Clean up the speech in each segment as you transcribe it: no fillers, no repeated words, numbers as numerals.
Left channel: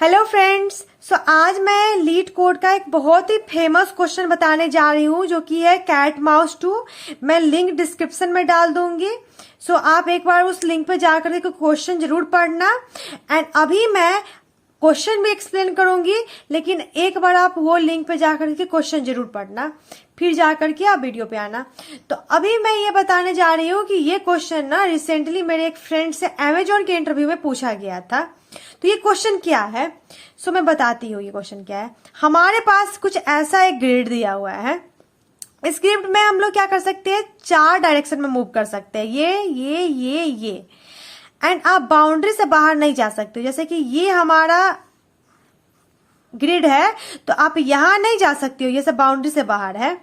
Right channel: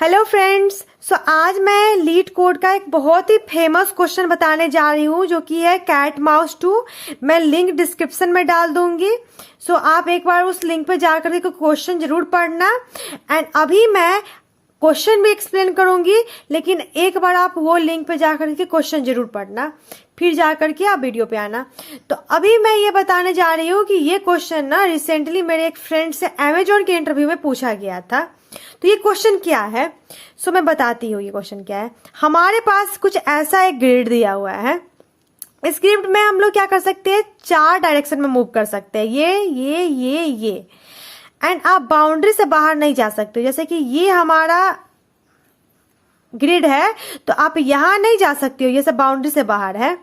Hello friends. आज मैं leet code का एक बहुत ही फेमस क्वेश्चन बताने जा रही हूँ जो कि है कैट माउस 2। मैं लिंक डिस्क्रिप्शन में डाल दूंगी। आप एक बार उस लिंक पे जाकर के क्वेश्चन जरूर पढ़ना। एंड अभी मैं क्वेश्चन भी एक्सप्लेन करूंगी, लेकिन एक बार आप वो लिंक पे जाकर के क्वेश्चन जरूर पढ़ना, फिर जाकर के आप वीडियो पे आना। तो अभी मैं ये बताने जा रही हूँ कि ये क्वेश्चन ना रिसेंटली मेरे एक फ्रेंड से अमेजोन के इंटरव्यू में पूछा गया था। तो ये क्वेश्चन क्या है, मैं बताती हूँ ये क्वेश्चन क्या है। हमारे पास कुछ ऐसा एक ग्रिड दिया हुआ है। इस ग्रिड में हम लोग क्या कर सकते हैं, 4 डायरेक्शन में मूव कर सकते हैं, ये एंड आप बाउंड्री से बाहर नहीं जा सकते। जैसे कि ये हमारा ग्रिड है तो आप यहां नहीं जा सकते हो, ये सब बाउंड्री से बाहर है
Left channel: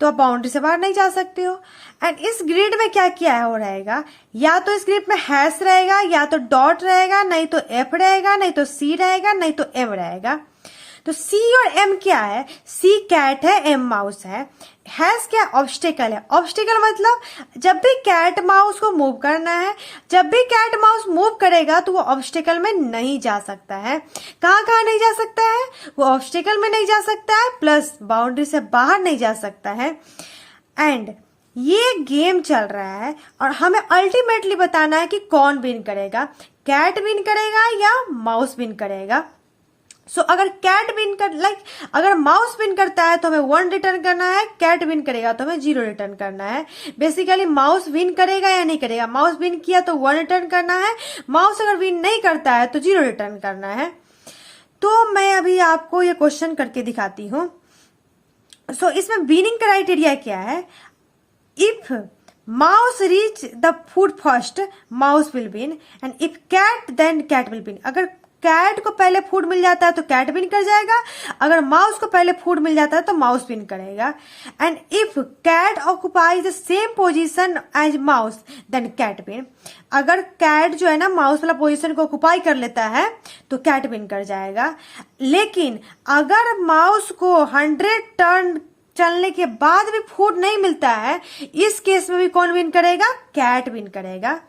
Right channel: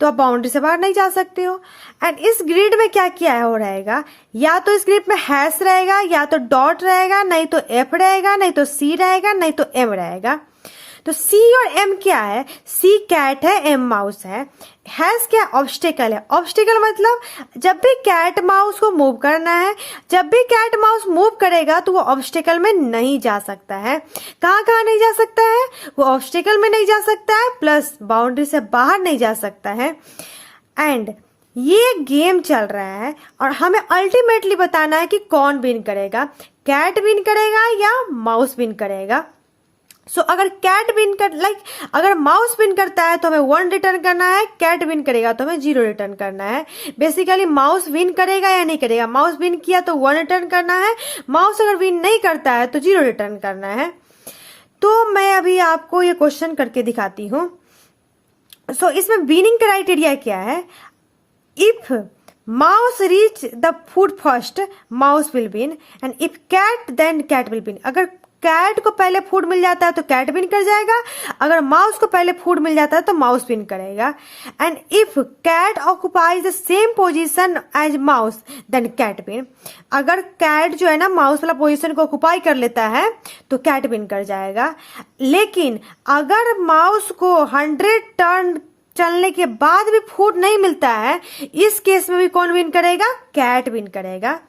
तो आप बाउंड्री से बाहर नहीं जा सकते हो। एंड इस ग्रिड में क्या क्या हो रहेगा, या तो इस ग्रिड में हैश रहेगा, या तो डॉट रहेगा, नहीं तो एफ रहेगा, नहीं तो सी रहेगा, नहीं तो एम रहेगा। तो सी और एम क्या है, सी कैट है, एम माउस है। हैश क्या, ऑब्स्टेकल है। ऑब्स्टेकल मतलब जब भी कैट माउस को मूव करना है, जब भी कैट माउस मूव करेगा तो वो ऑब्स्टेकल में नहीं जा सकता है। कहाँ कहाँ नहीं जा सकता है, वो ऑब्स्टेकल में नहीं जा सकता है, प्लस बाउंड्री से बाहर नहीं जा सकता है। एंड ये गेम चल रहा है और हमें अल्टीमेटली बताना है कि कौन विन करेगा, कैट विन करेगा या माउस विन करेगा। अगर कैट विन कर अगर माउस विन करता है तो हमें 1 रिटर्न करना है, कैट विन करेगा तो हमें 0 रिटर्न करना है। बेसिकली माउस विन करेगा या नहीं करेगा, माउस विन किया तो 1 रिटर्न करना है, माउस अगर विन नहीं करता है तो 0 रिटर्न करना है। तो मैं अभी आपको ये क्वेश्चन करके दिखाती हूँ। इसमें विनिंग क्राइटेरिया क्या है, if mouse reach the food first mouse will win, and if cat then cat will win. अगर कैट को पहले फूड मिल जाता है तो कैट विन कर जाएगा, अगर माउस को पहले फूड मिल जाता है तो माउस विन करेगा। And if cat occupies the same position as mouse then cat win. अगर कैट जो है ना माउस वाला पोजीशन को ऑक्युपाई कर लेता है तो कैट विन कर जाएगा। लेकिन अगर माउस को 100 टर्न चलने के बाद भी फूड नहीं मिलता है, इस केस में भी कौन विन करेगा, कैट विन करेगा।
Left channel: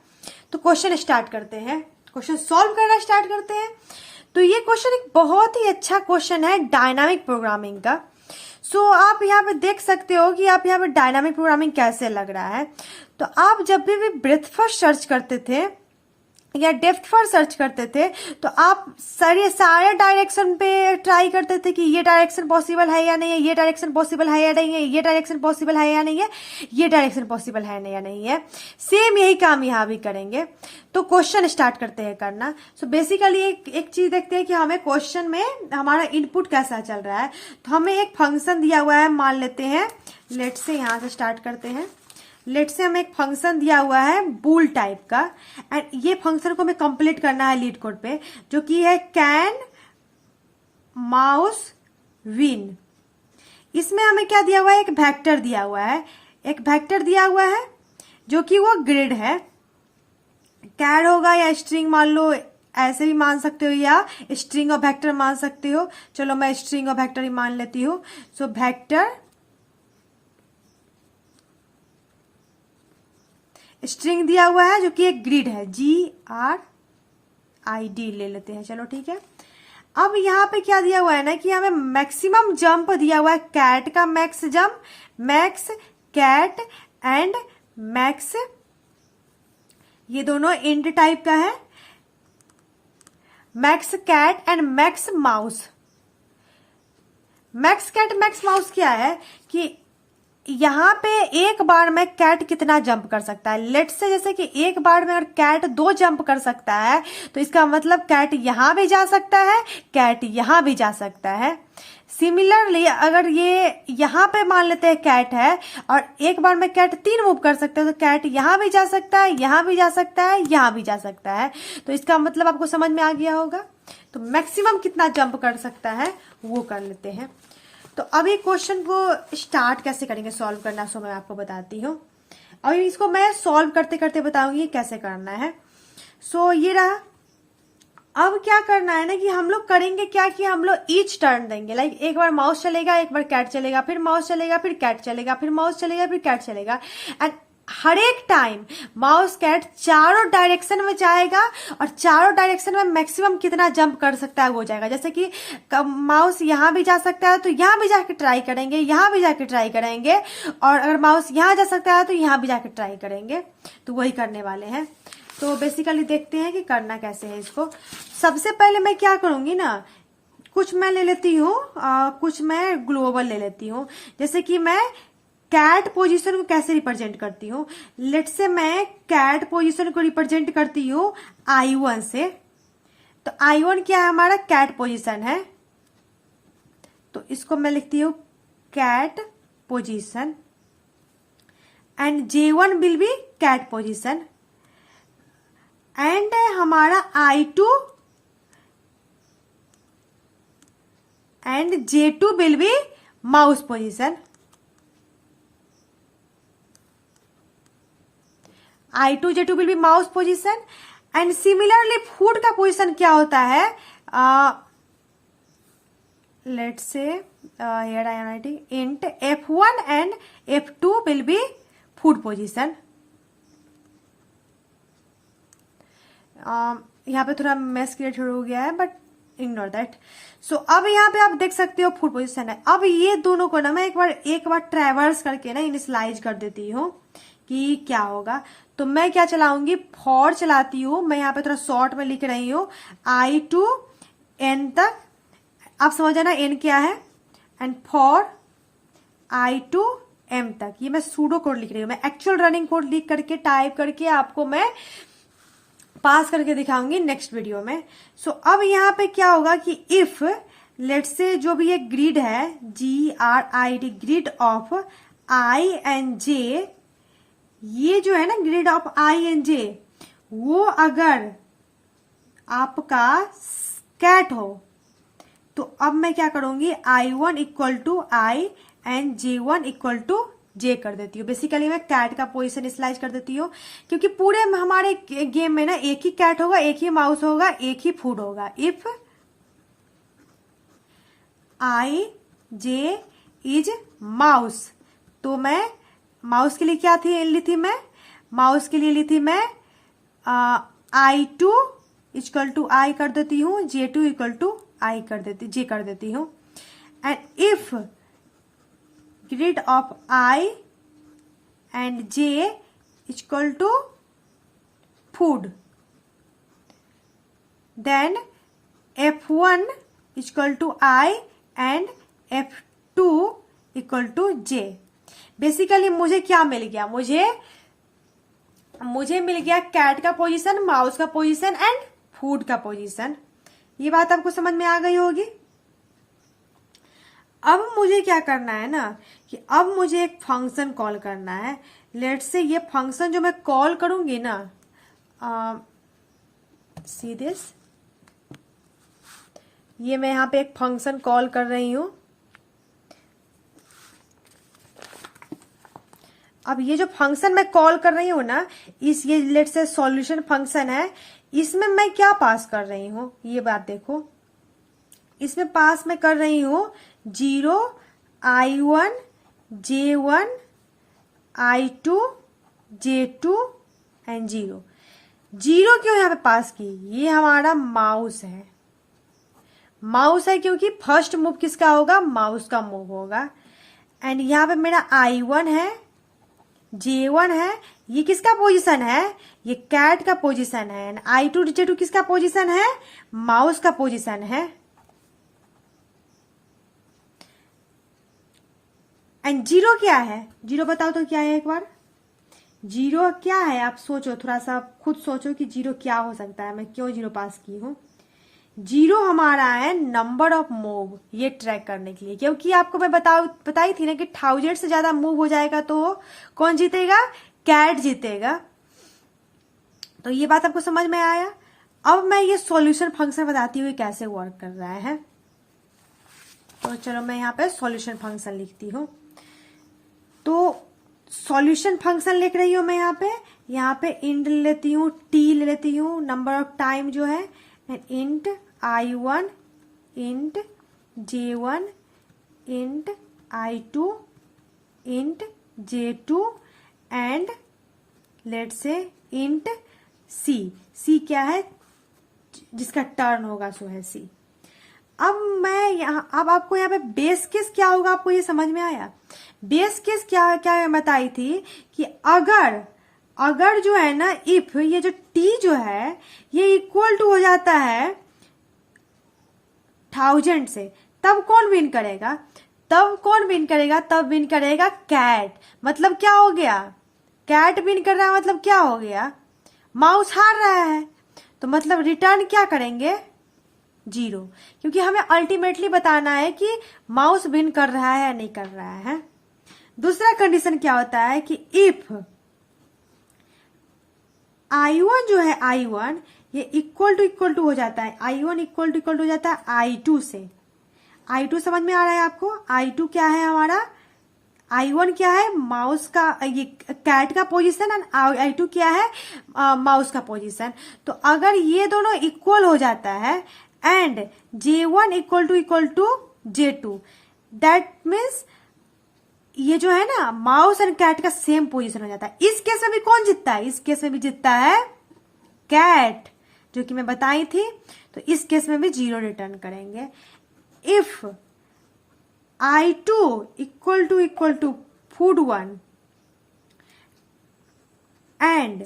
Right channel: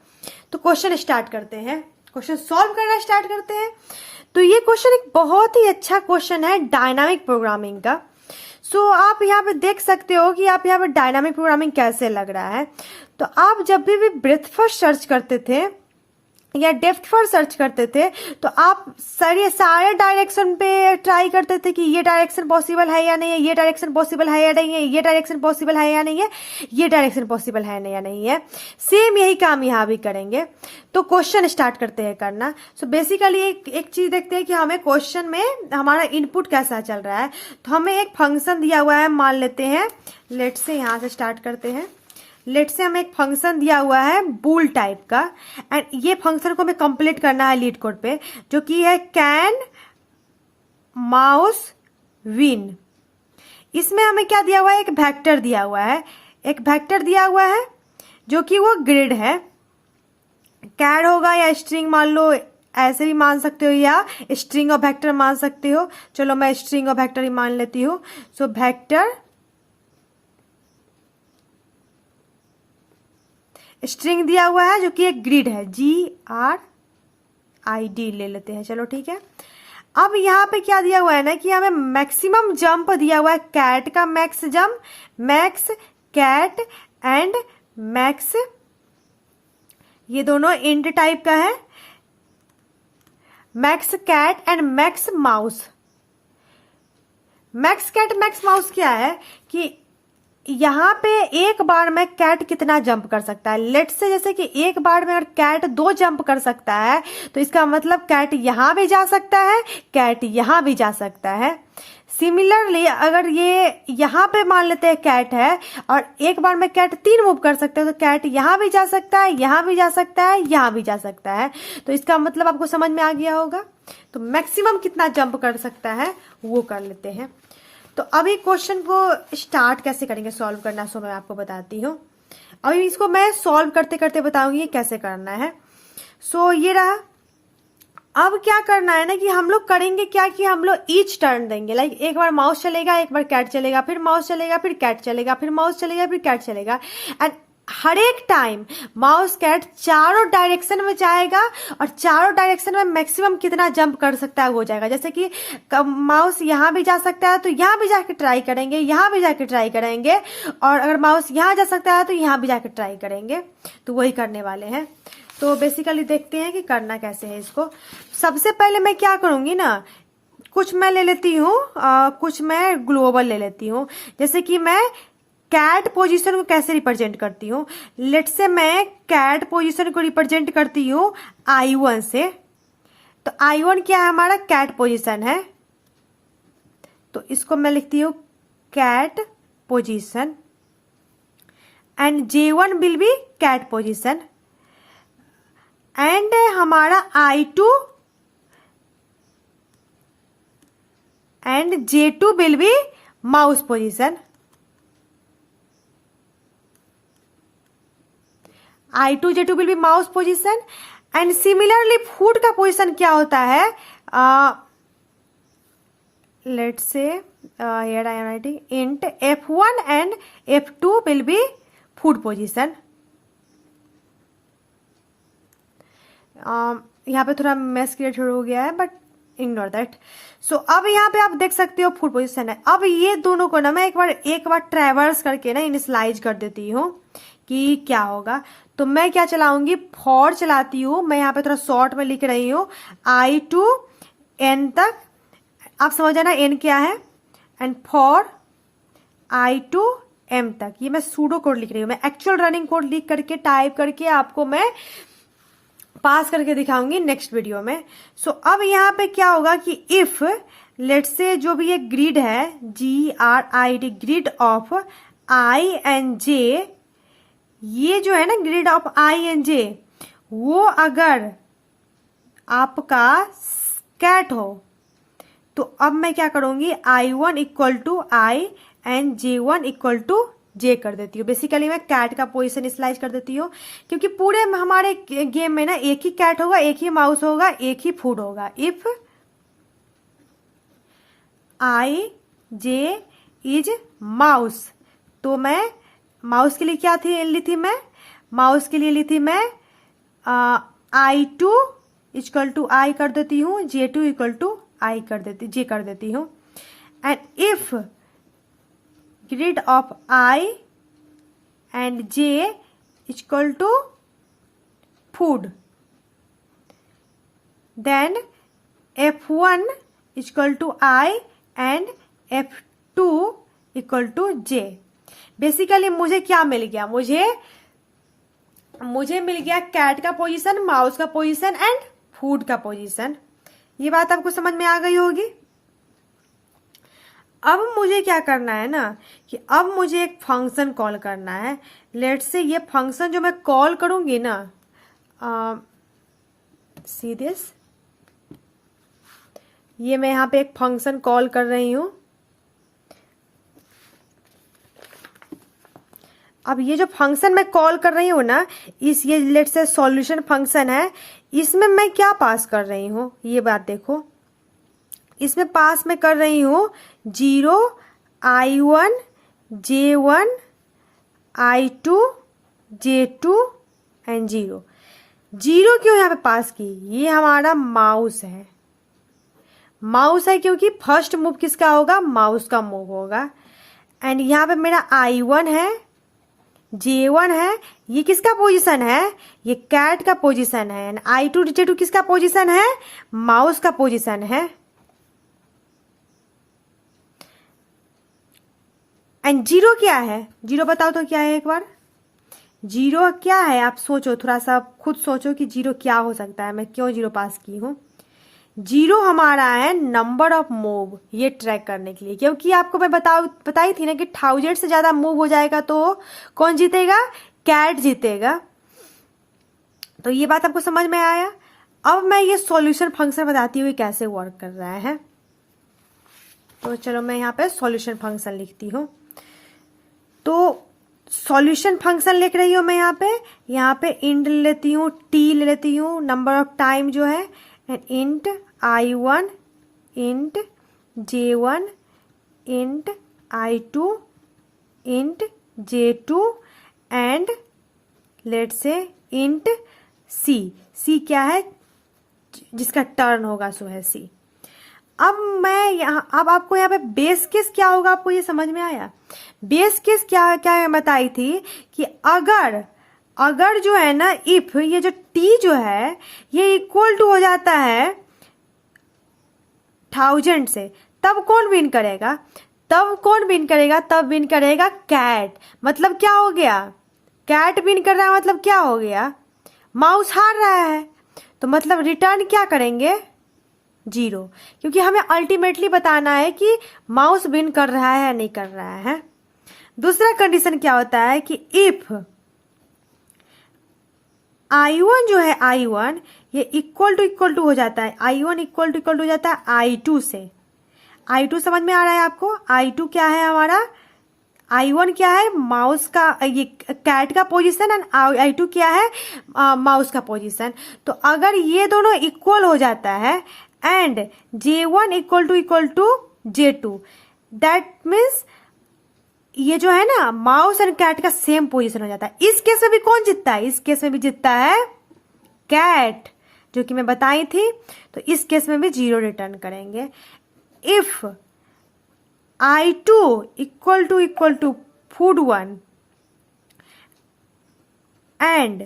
तो क्वेश्चन स्टार्ट करते हैं, क्वेश्चन सॉल्व करना स्टार्ट करते हैं। तो ये क्वेश्चन एक बहुत ही अच्छा क्वेश्चन है डायनामिक प्रोग्रामिंग का। आप यहाँ पे देख सकते हो कि आप यहाँ पे डायनामिक प्रोग्रामिंग कैसे लग रहा है। तो आप जब भी ब्रेथ फर्स्ट सर्च करते थे या डेप्थ फर्स्ट सर्च करते थे तो आप सारे डायरेक्शन पे ट्राई करते थे कि ये डायरेक्शन पॉसिबल है या नहीं है, ये डायरेक्शन पॉसिबल है या नहीं है, ये डायरेक्शन पॉसिबल है या नहीं है, ये डायरेक्शन पॉसिबल है या नहीं है। सेम यही काम यहाँ भी करेंगे। तो क्वेश्चन स्टार्ट करते हैं करना। बेसिकली एक चीज देखते हैं कि हमें क्वेश्चन में हमारा इनपुट कैसा चल रहा है। तो हमें एक फंक्शन दिया हुआ है, मान लेते हैं, लेट से यहाँ से स्टार्ट करते हैं। लेट से हमें एक फंक्शन दिया हुआ है बूल टाइप का, एंड ये फंक्शन को हमें कंप्लीट करना है लीड कोड पे, जो कि है कैन माउस विन। इसमें हमें क्या दिया हुआ है, एक वेक्टर दिया हुआ है, एक वेक्टर दिया हुआ है जो कि वो ग्रिड है। कैर होगा या स्ट्रिंग मान लो, ऐसे भी मान सकते हो, या स्ट्रिंग और वेक्टर मान सकते हो। चलो मैं स्ट्रिंग और वेक्टर ही मान लेती हूँ। वेक्टर स्ट्रिंग दिया हुआ है जो कि एक ग्रिड है, GRID ले लेते हैं, चलो ठीक है। अब यहाँ पे क्या दिया हुआ है ना कि हमें मैक्सिमम जंप दिया हुआ है, कैट का max jump, max cat and max, ये दोनों इंट टाइप का है, max cat and max mouse. Max cat max mouse क्या है कि यहाँ पे एक बार में कैट कितना जंप कर सकता है। लेट से जैसे कि एक बार में अगर कैट 2 जंप कर सकता है तो इसका मतलब कैट यहां भी जा सकता है, कैट यहां भी जा सकता है। सिमिलरली अगर ये यहाँ पे मान लेते हैं कैट है और एक बार में कैट 3 मूव कर सकता है तो कैट यहां भी जा सकता है, यहां भी जा सकता है, यहां भी जा सकता है। तो इसका मतलब आपको समझ में आ गया होगा। तो मैक्सिमम कितना जंप कर सकता है वो कर लेते हैं। तो अभी क्वेश्चन को स्टार्ट कैसे करेंगे सॉल्व करना, मैं आपको बताती हूँ। अभी इसको मैं सॉल्व करते करते बताऊंगी कैसे करना है। ये रहा। अब क्या करना है ना कि हम लोग करेंगे क्या कि हम लोग ईच टर्न देंगे। एक बार माउस चलेगा, एक बार कैट चलेगा, फिर माउस चलेगा, फिर कैट चलेगा, फिर माउस चलेगा, फिर कैट चलेगा। एंड हर एक टाइम माउस कैट चारों डायरेक्शन में जाएगा और चारों डायरेक्शन में मैक्सिमम कितना जंप कर सकता है वो जाएगा। जैसे कि माउस यहाँ भी जा सकता है तो यहाँ भी जाके ट्राई करेंगे, यहाँ भी जाके ट्राई करेंगे, और अगर माउस यहाँ जा सकता है तो यहाँ भी जाके ट्राई करेंगे। तो वही करने वाले हैं। तो बेसिकली देखते हैं कि करना कैसे है इसको। सबसे पहले मैं क्या करूंगी ना, कुछ मैं ले लेती हूँ, कुछ मैं ग्लोबल ले लेती हूँ। जैसे कि मैं कैट पोजीशन को कैसे रिप्रेजेंट करती हूँ, लेट्स से मैं कैट पोजीशन को रिप्रेजेंट करती हूँ I1 से। तो I1 क्या है, हमारा कैट पोजीशन है, तो इसको मैं लिखती हूँ cat position, and J1 will be cat position, and हमारा I2 and J2 will be mouse position. I2 J2 will be mouse position, and similarly food का पोजीशन क्या होता है, let's say here I am writing int F1 and F2 will be food position। यहाँ पे थोड़ा mess create हो गया है बट इग्नोर दैट। सो अब यहाँ पे आप देख सकते हो फूड पोजीशन है। अब ये दोनों को ना मैं एक बार ट्रेवर्स करके ना इनिशियलाइज कर देती हूँ कि क्या होगा। तो मैं क्या चलाऊंगी, फॉर चलाती हूँ। मैं यहाँ पे थोड़ा शॉर्ट में लिख रही हूँ I to N तक, आप समझ जाना N क्या है, and for I to M तक। ये मैं सूडो कोड लिख रही हूँ। मैं एक्चुअल रनिंग कोड लिख करके टाइप करके आपको मैं पास करके दिखाऊंगी नेक्स्ट वीडियो में। सो अब यहाँ पे क्या होगा कि इफ लेट्स से जो भी ये ग्रिड है GRID, grid of I and J, ये जो है ना grid of I and J, वो अगर आपका कैट हो तो अब मैं क्या करूंगी, I1 equal to I and J1 equal to J कर देती हूँ। बेसिकली मैं कैट का पोजीशन स्लाइज कर देती हूँ, क्योंकि पूरे हमारे गेम में ना एक ही कैट होगा, एक ही माउस होगा, एक ही फूड होगा। If I J is mouse, तो मैं माउस के लिए क्या ली थी मैं, माउस के लिए ली थी मैं I2 इक्वल टू I कर देती हूँ, J2 इक्वल टू I कर देती, J कर देती हूँ। And if grid of I and J equal to food, then F1 equal to I and F2 equal to J। Basically मुझे क्या मिल गया, मुझे मिल गया कैट का पोजीशन, माउस का पोजीशन एंड फूड का पोजीशन। ये बात आपको समझ में आ गई होगी। अब मुझे क्या करना है ना, कि अब मुझे एक फंक्शन कॉल करना है। लेट्स से ये फंक्शन जो मैं कॉल करूंगी ना, सी दिस, ये मैं यहाँ पे एक फंक्शन कॉल कर रही हूं। अब ये जो फंक्शन मैं कॉल कर रही हूँ ना, ये लेट्स से सॉल्यूशन फंक्शन है, इसमें मैं क्या पास कर रही हूँ, ये बात देखो। इसमें पास मैं कर रही हूँ 0 I1 J1 I2 J2 and 0। 0 क्यों यहाँ पे पास की, ये हमारा माउस है। माउस है क्योंकि फर्स्ट मूव किसका होगा, माउस का मूव होगा। एंड यहाँ पे मेरा I1 है, J1 है, ये किसका पोजीशन है, ये कैट का पोजीशन है। एंड I2 J2 किसका पोजीशन है, माउस का पोजीशन है। एंड 0 क्या है, 0 बताओ तो क्या है एक बार। 0 क्या है, आप सोचो, थोड़ा सा खुद सोचो कि 0 क्या हो सकता है, मैं क्यों 0 पास की हूं। 0 हमारा है नंबर ऑफ मूव, ये ट्रैक करने के लिए, क्योंकि आपको मैं बताई थी ना कि 1000 से ज्यादा मूव हो जाएगा तो कौन जीतेगा, कैट जीतेगा। तो ये बात आपको समझ में आया। अब मैं ये सॉल्यूशन फंक्शन बताती हूँ कैसे वर्क कर रहा है। तो चलो मैं यहाँ पे सॉल्यूशन फंक्शन लिखती हूँ। तो सॉल्यूशन फंक्शन लिख रही हूँ मैं यहाँ पे इंट ले लेती हूँ, टी ले लेती हूँ, नंबर ऑफ टाइम जो है, int I1 int J1 int I2 int J2 and let से इंट सी, सी क्या है, जिसका टर्न होगा सो है सी। अब आपको यहाँ पे बेस केस क्या होगा, आपको ये समझ में आया? बेस केस क्या क्या बताई थी कि अगर जो है ना, इफ ये जो टी जो है ये इक्वल टू हो जाता है 1000 से, तब कौन विन करेगा? तब विन करेगा कैट। मतलब क्या हो गया? कैट विन कर रहा है, मतलब क्या हो गया? माउस हार रहा है, तो मतलब रिटर्न क्या करेंगे? 0, क्योंकि हमें अल्टीमेटली बताना है कि माउस विन कर रहा है या नहीं कर रहा है। दूसरा कंडीशन क्या होता है कि इफ I1 जो है, I1 ये इक्वल टू हो जाता है, I1 इक्वल टू हो जाता है I2 से। I2 समझ में आ रहा है आपको? I2 क्या है हमारा? I1 क्या है? माउस का, ये कैट का पोजीशन, एंड I2 क्या है? माउस का पोजीशन। तो अगर ये दोनों इक्वल हो जाता है and J1 equal to J2, that means ये जो है ना, माउस एंड कैट का सेम पोजीशन हो जाता है। इस केस में भी कौन जीतता है? इस केस में भी जीतता है कैट, जो कि मैं बताई थी। तो इस केस में भी 0 रिटर्न करेंगे। If I2 equal to food1 and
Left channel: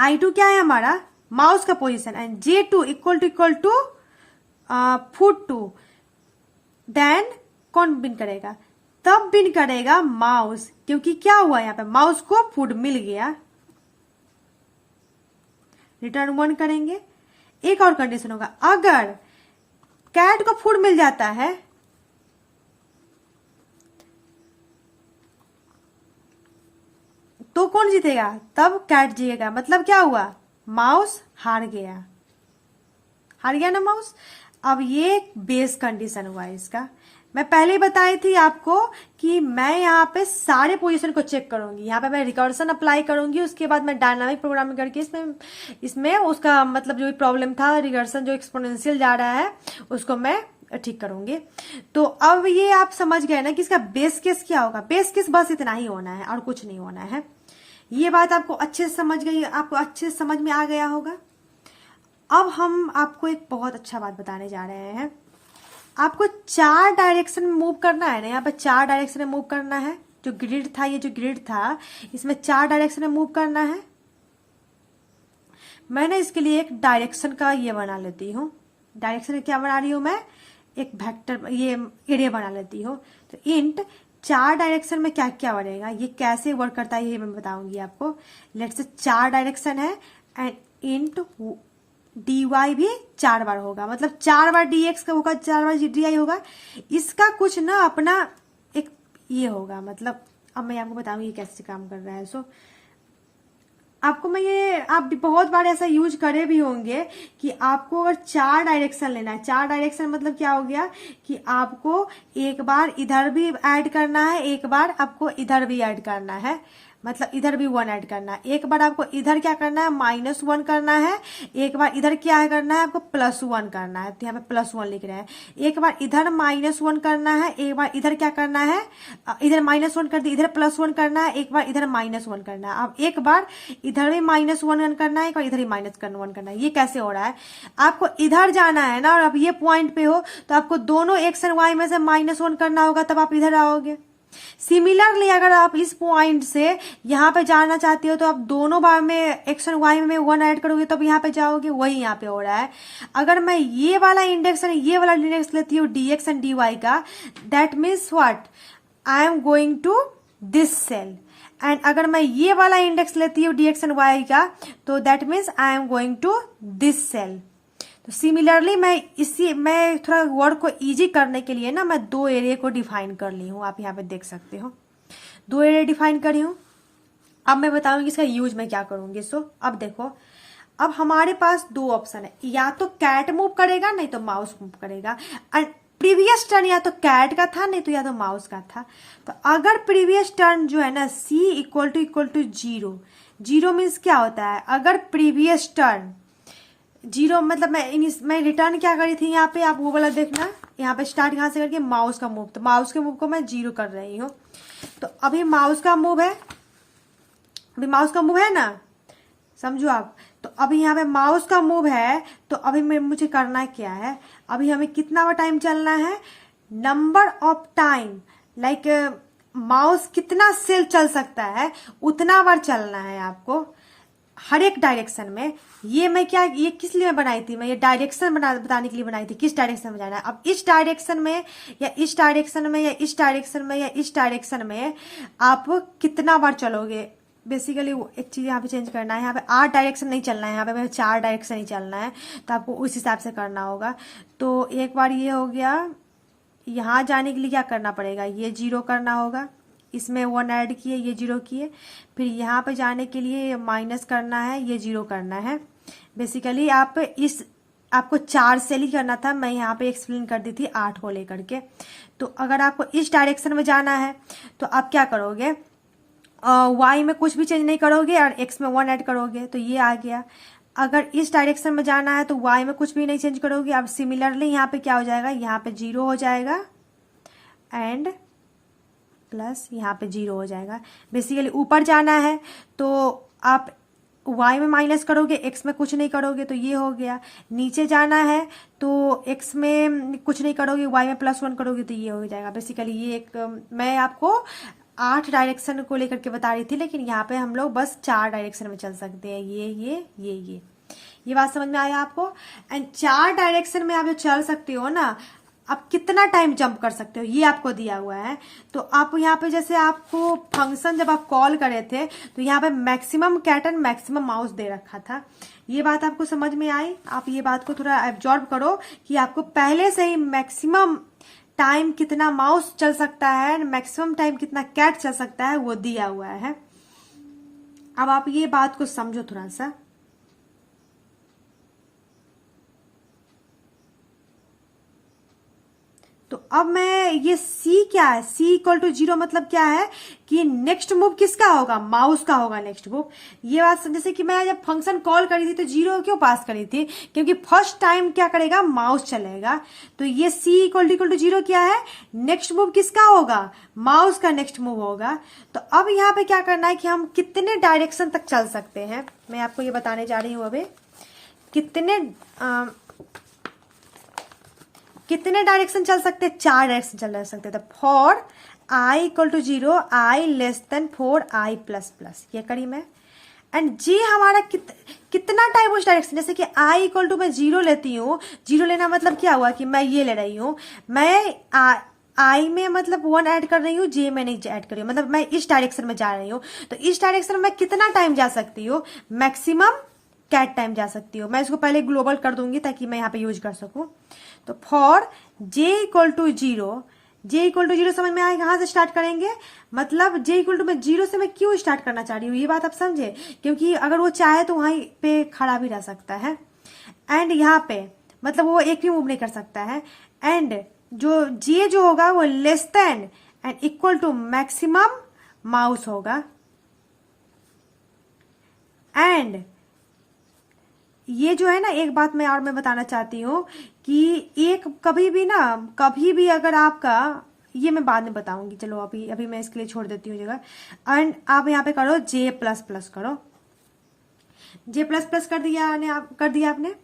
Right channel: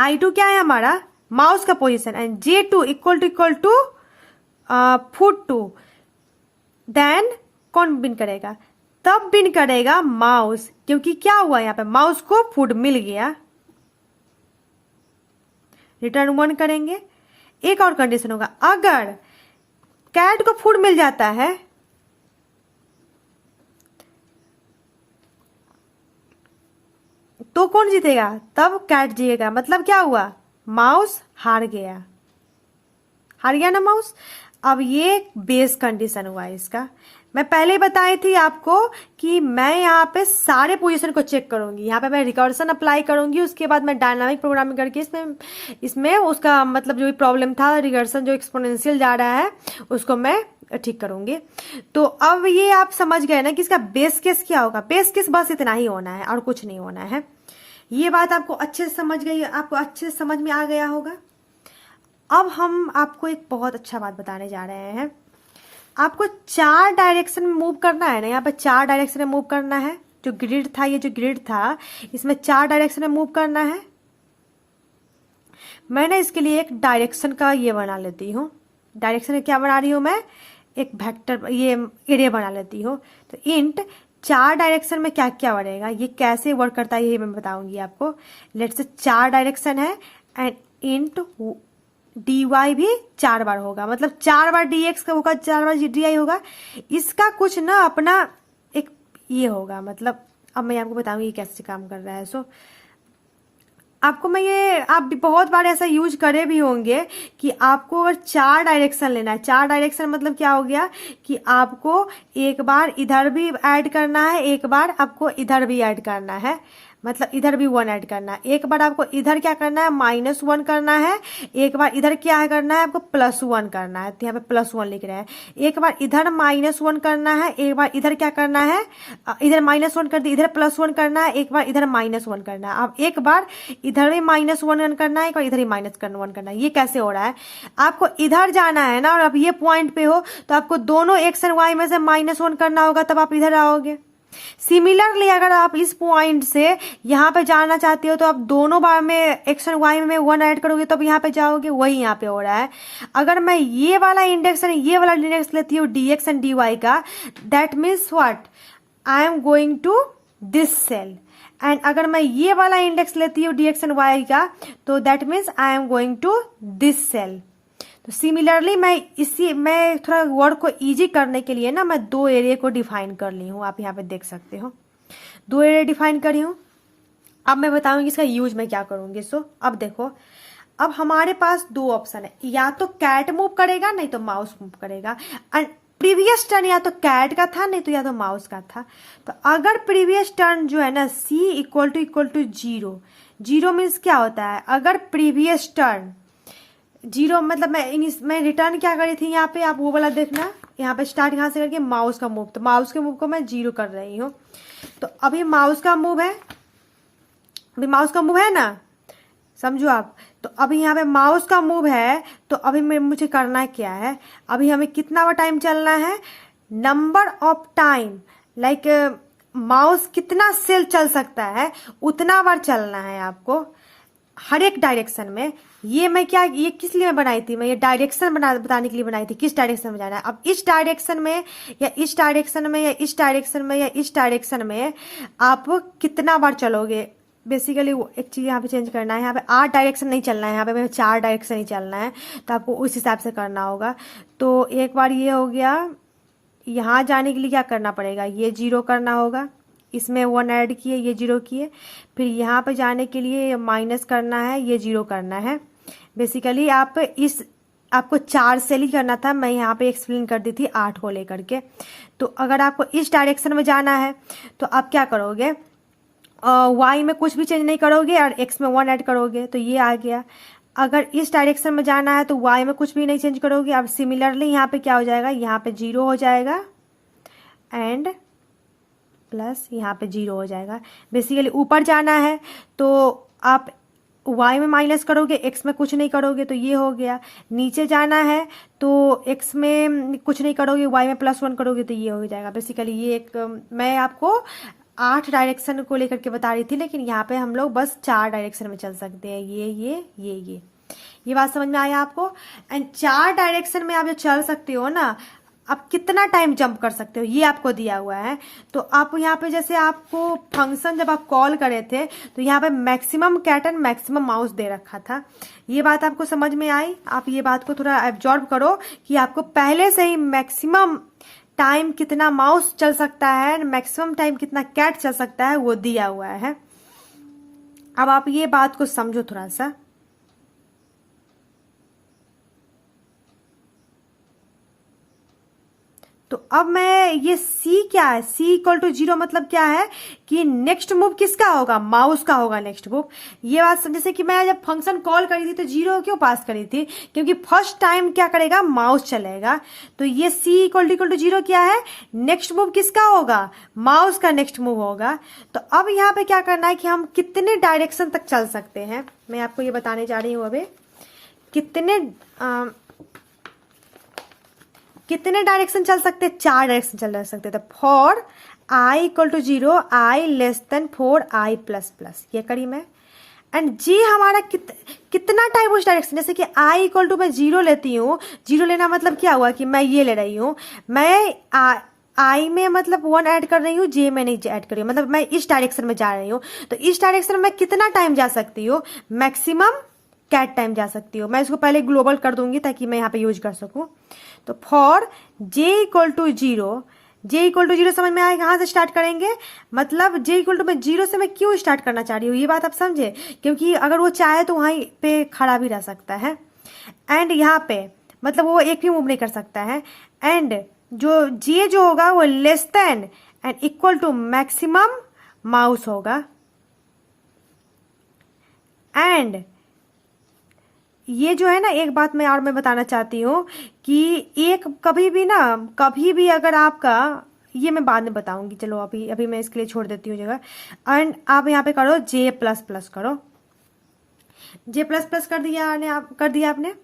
I2 क्या है हमारा? माउस का position, and J2 equal to food2, then कौन विन करेगा? तब विन करेगा माउस, क्योंकि क्या हुआ यहाँ पे? माउस को फूड मिल गया। रिटर्न 1 करेंगे। एक और कंडीशन होगा, अगर कैट को फूड मिल जाता है तो कौन जीतेगा? तब कैट जीतेगा। मतलब क्या हुआ? माउस हार गया ना माउस। अब ये बेस कंडीशन हुआ इसका। मैं पहले बताई थी आपको कि मैं यहाँ पे सारे पोजीशन को चेक करूंगी। यहाँ पे मैं रिकर्सन अप्लाई करूंगी, उसके बाद मैं डायनामिक प्रोग्रामिंग करके इसमें उसका मतलब जो भी प्रॉब्लम था, रिकर्सन जो एक्सपोनेंशियल जा रहा है, उसको मैं ठीक करूंगी। तो अब ये आप समझ गए ना कि इसका बेस केस क्या होगा। बेस केस बस इतना ही होना है और कुछ नहीं होना है। ये बात आपको अच्छे से समझ गई, आपको अच्छे से समझ में आ गया होगा। अब हम आपको एक बहुत अच्छा बात बताने जा रहे हैं। आपको 4 डायरेक्शन में मूव करना है ना, यहाँ पे 4 डायरेक्शन में मूव करना है। जो ग्रिड था, ये जो ग्रिड था, इसमें 4 डायरेक्शन में मूव करना है। मैंने इसके लिए एक डायरेक्शन का ये बना लेती हूँ। डायरेक्शन क्या बना रही हूँ मैं? एक वेक्टर, ये एरिया बना लेती हूँ। तो इंट 4 डायरेक्शन में क्या क्या बनेगा, ये कैसे वर्क करता है, ये मैं बताऊंगी आपको। लेट्स से 4 डायरेक्शन है एंड इंट dy भी 4 बार होगा, मतलब 4 बार dx का होगा, 4 बार dy होगा। इसका कुछ ना अपना एक ये होगा, मतलब अब मैं आपको बताऊंगी ये कैसे काम कर रहा है। सो आपको मैं ये, आप भी बहुत बार ऐसा यूज करे भी होंगे कि आपको अगर 4 डायरेक्शन लेना है। 4 डायरेक्शन मतलब क्या हो गया कि आपको एक बार इधर भी ऐड करना है, एक बार आपको इधर भी ऐड करना है, मतलब इधर भी 1 ऐड करना है। एक बार आपको इधर क्या करना है? -1 करना है। एक बार इधर क्या है करना है? आपको +1 करना है। तो यहाँ पे +1 लिख रहे हैं। एक बार इधर -1 करना है, एक बार इधर क्या करना है? इधर -1 कर दिया, इधर +1 करना है, एक बार इधर -1 करना है। अब एक बार इधर भी -1 करना है, एक बार इधर ही -1 करना है। ये कैसे हो रहा है? आपको इधर जाना है ना, और अब ये पॉइंट पे हो तो आपको दोनों x और y में से -1 करना होगा, तब आप इधर आओगे। सिमिलरली अगर आप इस पॉइंट से यहाँ पे जाना चाहते हो तो आप दोनों बार में x और y में 1 ऐड करोगे तब यहाँ पे जाओगे। वही यहाँ पे हो रहा है। अगर मैं ये वाला इंडेक्स और ये वाला इंडेक्स लेती हूँ dx एंड dy का, that means what? I am going to this cell. And अगर मैं ये वाला इंडेक्स लेती हूँ dx एंड y का, तो that means I am going to this cell. तो सिमिलरली मैं थोड़ा वर्ड को इजी करने के लिए ना, मैं 2 एरिया को डिफाइन कर ली हूँ। आप यहाँ पे देख सकते हो 2 एरिया डिफाइन करी हूँ। अब मैं बताऊंगी इसका यूज मैं क्या करूंगी। सो अब देखो, अब हमारे पास 2 ऑप्शन है, या तो कैट मूव करेगा, नहीं तो माउस मूव करेगा। एंड प्रीवियस टर्न या तो कैट का था, नहीं तो या तो माउस का था। तो अगर प्रीवियस टर्न जो है ना c इक्वल टू 0, 0 मीन्स क्या होता है? अगर प्रीवियस टर्न 0 मतलब मैं रिटर्न क्या करी थी यहाँ पे, आप वो वाला देखना। यहाँ पे स्टार्ट यहाँ से करके माउस का मूव, तो माउस के मूव को मैं 0 कर रही हूँ। तो अभी माउस का मूव है, अभी माउस का मूव है ना, समझो आप। तो अभी यहाँ पे माउस का मूव है, तो अभी मुझे करना क्या है, अभी हमें कितना टाइम चलना है, number of time, like mouse कितना सेल चल सकता है उतना बार चलना है आपको, हर एक डायरेक्शन में। ये मैं क्या, ये किस लिए बनाई थी, मैं ये डायरेक्शन बताने के लिए बनाई थी, किस डायरेक्शन में जाना है। अब इस डायरेक्शन में या इस डायरेक्शन में या इस डायरेक्शन में या इस डायरेक्शन में आप कितना बार चलोगे, बेसिकली एक चीज यहाँ पे चेंज करना है। यहाँ पे 8 डायरेक्शन नहीं चलना है, यहाँ पे 4 डायरेक्शन ही चलना है, तो आपको उस हिसाब से करना होगा। तो एक बार ये हो गया, यहाँ जाने के लिए क्या करना पड़ेगा, ये 0 करना होगा, इसमें 1 ऐड किए, ये 0 किए, फिर यहाँ पे जाने के लिए माइनस करना है, ये 0 करना है। बेसिकली आपको 4 सेल ही करना था, मैं यहाँ पे एक्सप्लेन कर दी थी 8 को लेकर के। तो अगर आपको इस डायरेक्शन में जाना है तो आप क्या करोगे, y में कुछ भी चेंज नहीं करोगे और x में 1 ऐड करोगे, तो ये आ गया। अगर इस डायरेक्शन में जाना है तो y में कुछ भी नहीं चेंज करोगे। अब सिमिलरली यहाँ पे क्या हो जाएगा, यहाँ पे 0 हो जाएगा एंड प्लस यहाँ पे 0 हो जाएगा। बेसिकली ऊपर जाना है तो आप y में माइनस करोगे, x में कुछ नहीं करोगे, तो ये हो गया। नीचे जाना है तो x में कुछ नहीं करोगे, y में +1 करोगे, तो ये हो जाएगा। बेसिकली ये एक मैं आपको 8 डायरेक्शन को लेकर के बता रही थी, लेकिन यहाँ पे हम लोग बस 4 डायरेक्शन में चल सकते हैं, ये बात समझ में आया आपको। एंड 4 डायरेक्शन में आप जो चल सकते हो ना, आप कितना टाइम जंप कर सकते हो ये आपको दिया हुआ है। तो आप यहाँ पे जैसे आपको फंक्शन जब आप कॉल करे थे तो यहाँ पे maximum cat and maximum mouse दे रखा था। ये बात आपको समझ में आई, आप ये बात को थोड़ा एब्जॉर्ब करो कि आपको पहले से ही मैक्सिमम टाइम कितना माउस चल सकता है एंड मैक्सिमम टाइम कितना कैट चल सकता है वो दिया हुआ है। अब आप ये बात को समझो थोड़ा सा। तो अब मैं ये C क्या है, C = 0 मतलब क्या है कि नेक्स्ट मूव किसका होगा, माउस का होगा नेक्स्ट मूव। ये बात जैसे कि मैं जब फंक्शन कॉल करी थी तो 0 क्यों पास करी थी, क्योंकि फर्स्ट टाइम क्या करेगा, माउस चलेगा। तो ये C = 0 क्या है, नेक्स्ट मूव किसका होगा, माउस का नेक्स्ट मूव होगा। तो अब यहाँ पे क्या करना है कि हम कितने डायरेक्शन तक चल सकते हैं, मैं आपको ये बताने जा रही हूँ। अभी कितने डायरेक्शन चल सकते हैं, 4 डायरेक्शन चल सकते हैं। तो फॉर i = 0, i <4, i++, ये करी मैं। एंड जी हमारा कितना टाइम उस डायरेक्शन, जैसे कि i = मैं 0 लेती हूँ, 0 लेना मतलब क्या हुआ कि मैं ये ले रही हूँ, मैं i में मतलब 1 ऐड कर रही हूँ, j में नहीं ऐड कर रही हूँ, मतलब मैं इस डायरेक्शन में जा रही हूँ। तो इस डायरेक्शन में मैं कितना टाइम जा सकती हूँ, मैक्सिमम कैट टाइम जा सकती हूँ। मैं इसको पहले ग्लोबल कर दूंगी ताकि मैं यहाँ पे यूज कर सकूं। तो फॉर j = 0, j = 0 समझ में आएगा, कहाँ से स्टार्ट करेंगे, मतलब j = मैं 0 से मैं क्यों स्टार्ट करना चाह रही हूँ, ये बात आप समझे, क्योंकि अगर वो चाहे तो वहीं पे खड़ा भी रह सकता है। एंड यहाँ पे मतलब वो एक भी मूव नहीं कर सकता है। एंड जो j जो होगा वो less than and equal to maximum mouse होगा। एंड ये जो है ना, एक बात मैं और मैं बताना चाहती हूँ कि एक कभी भी अगर आपका, ये मैं बाद में बताऊंगी, चलो अभी मैं इसके लिए छोड़ देती हूँ जगह। एंड आप यहाँ पे करो J++ करो, J++ कर दिया आपने।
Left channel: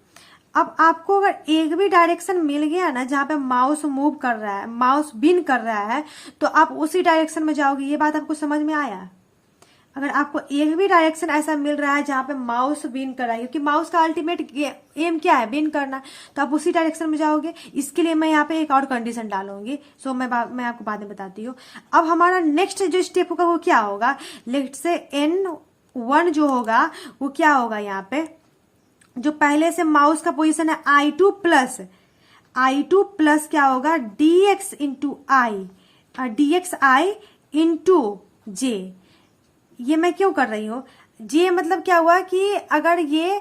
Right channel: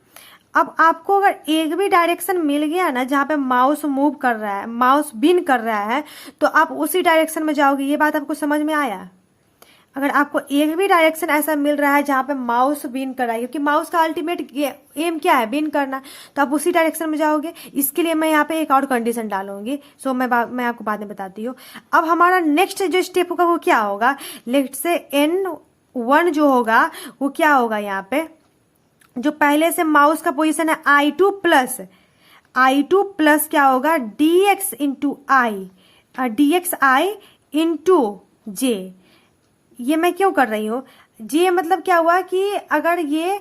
अब आपको अगर एक भी डायरेक्शन मिल गया ना जहाँ पे माउस मूव कर रहा है, माउस बिन कर रहा है, तो आप उसी डायरेक्शन में जाओगे। ये बात आपको समझ में आया, अगर आपको एक भी डायरेक्शन ऐसा मिल रहा है जहां पे माउस बिन कर रहा है, क्योंकि माउस का अल्टीमेट एम क्या है, बिन करना, तो आप उसी डायरेक्शन में जाओगे। इसके लिए मैं यहाँ पे एक और कंडीशन डालूंगी, सो मैं आपको बाद में बताती हूँ। अब हमारा नेक्स्ट जो स्टेप होगा वो क्या होगा, लेट से N1 जो होगा वो क्या होगा, यहाँ पे जो पहले से माउस का पोजिशन है I2+ क्या होगा, dxi इंटू j। ये मैं क्यों कर रही हूँ, जे मतलब क्या हुआ कि अगर ये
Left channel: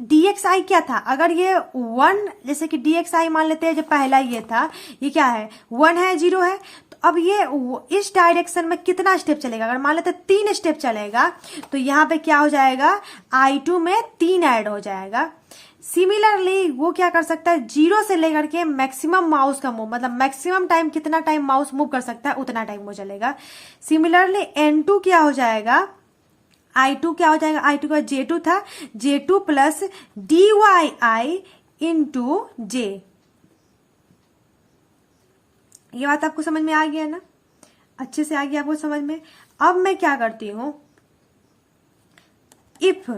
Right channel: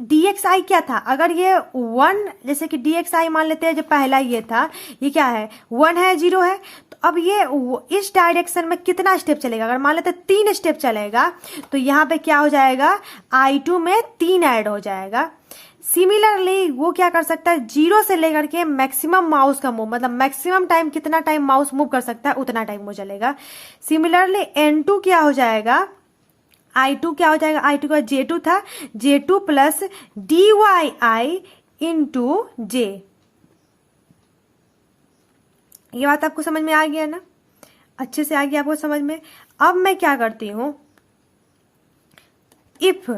dxi क्या था, अगर ये 1, जैसे कि dxi मान लेते हैं जो पहला ये था, ये क्या है, 1 है 0 है, तो अब ये इस डायरेक्शन में कितना स्टेप चलेगा, अगर मान लेते 3 स्टेप चलेगा तो यहाँ पे क्या हो जाएगा, I2 में 3 ऐड हो जाएगा। सिमिलरली वो क्या कर सकता है, 0 से लेकर के मैक्सिमम माउस का मूव, मतलब मैक्सिमम टाइम कितना टाइम माउस मूव कर सकता है उतना टाइम वो चलेगा। सिमिलरली N2 क्या हो जाएगा, I2 क्या हो जाएगा, I2 का J2 था, J2 plus DYI into J। ये बात आपको समझ में आ गया ना, अच्छे से आ गया आपको समझ में। अब मैं क्या करती हूं, इफ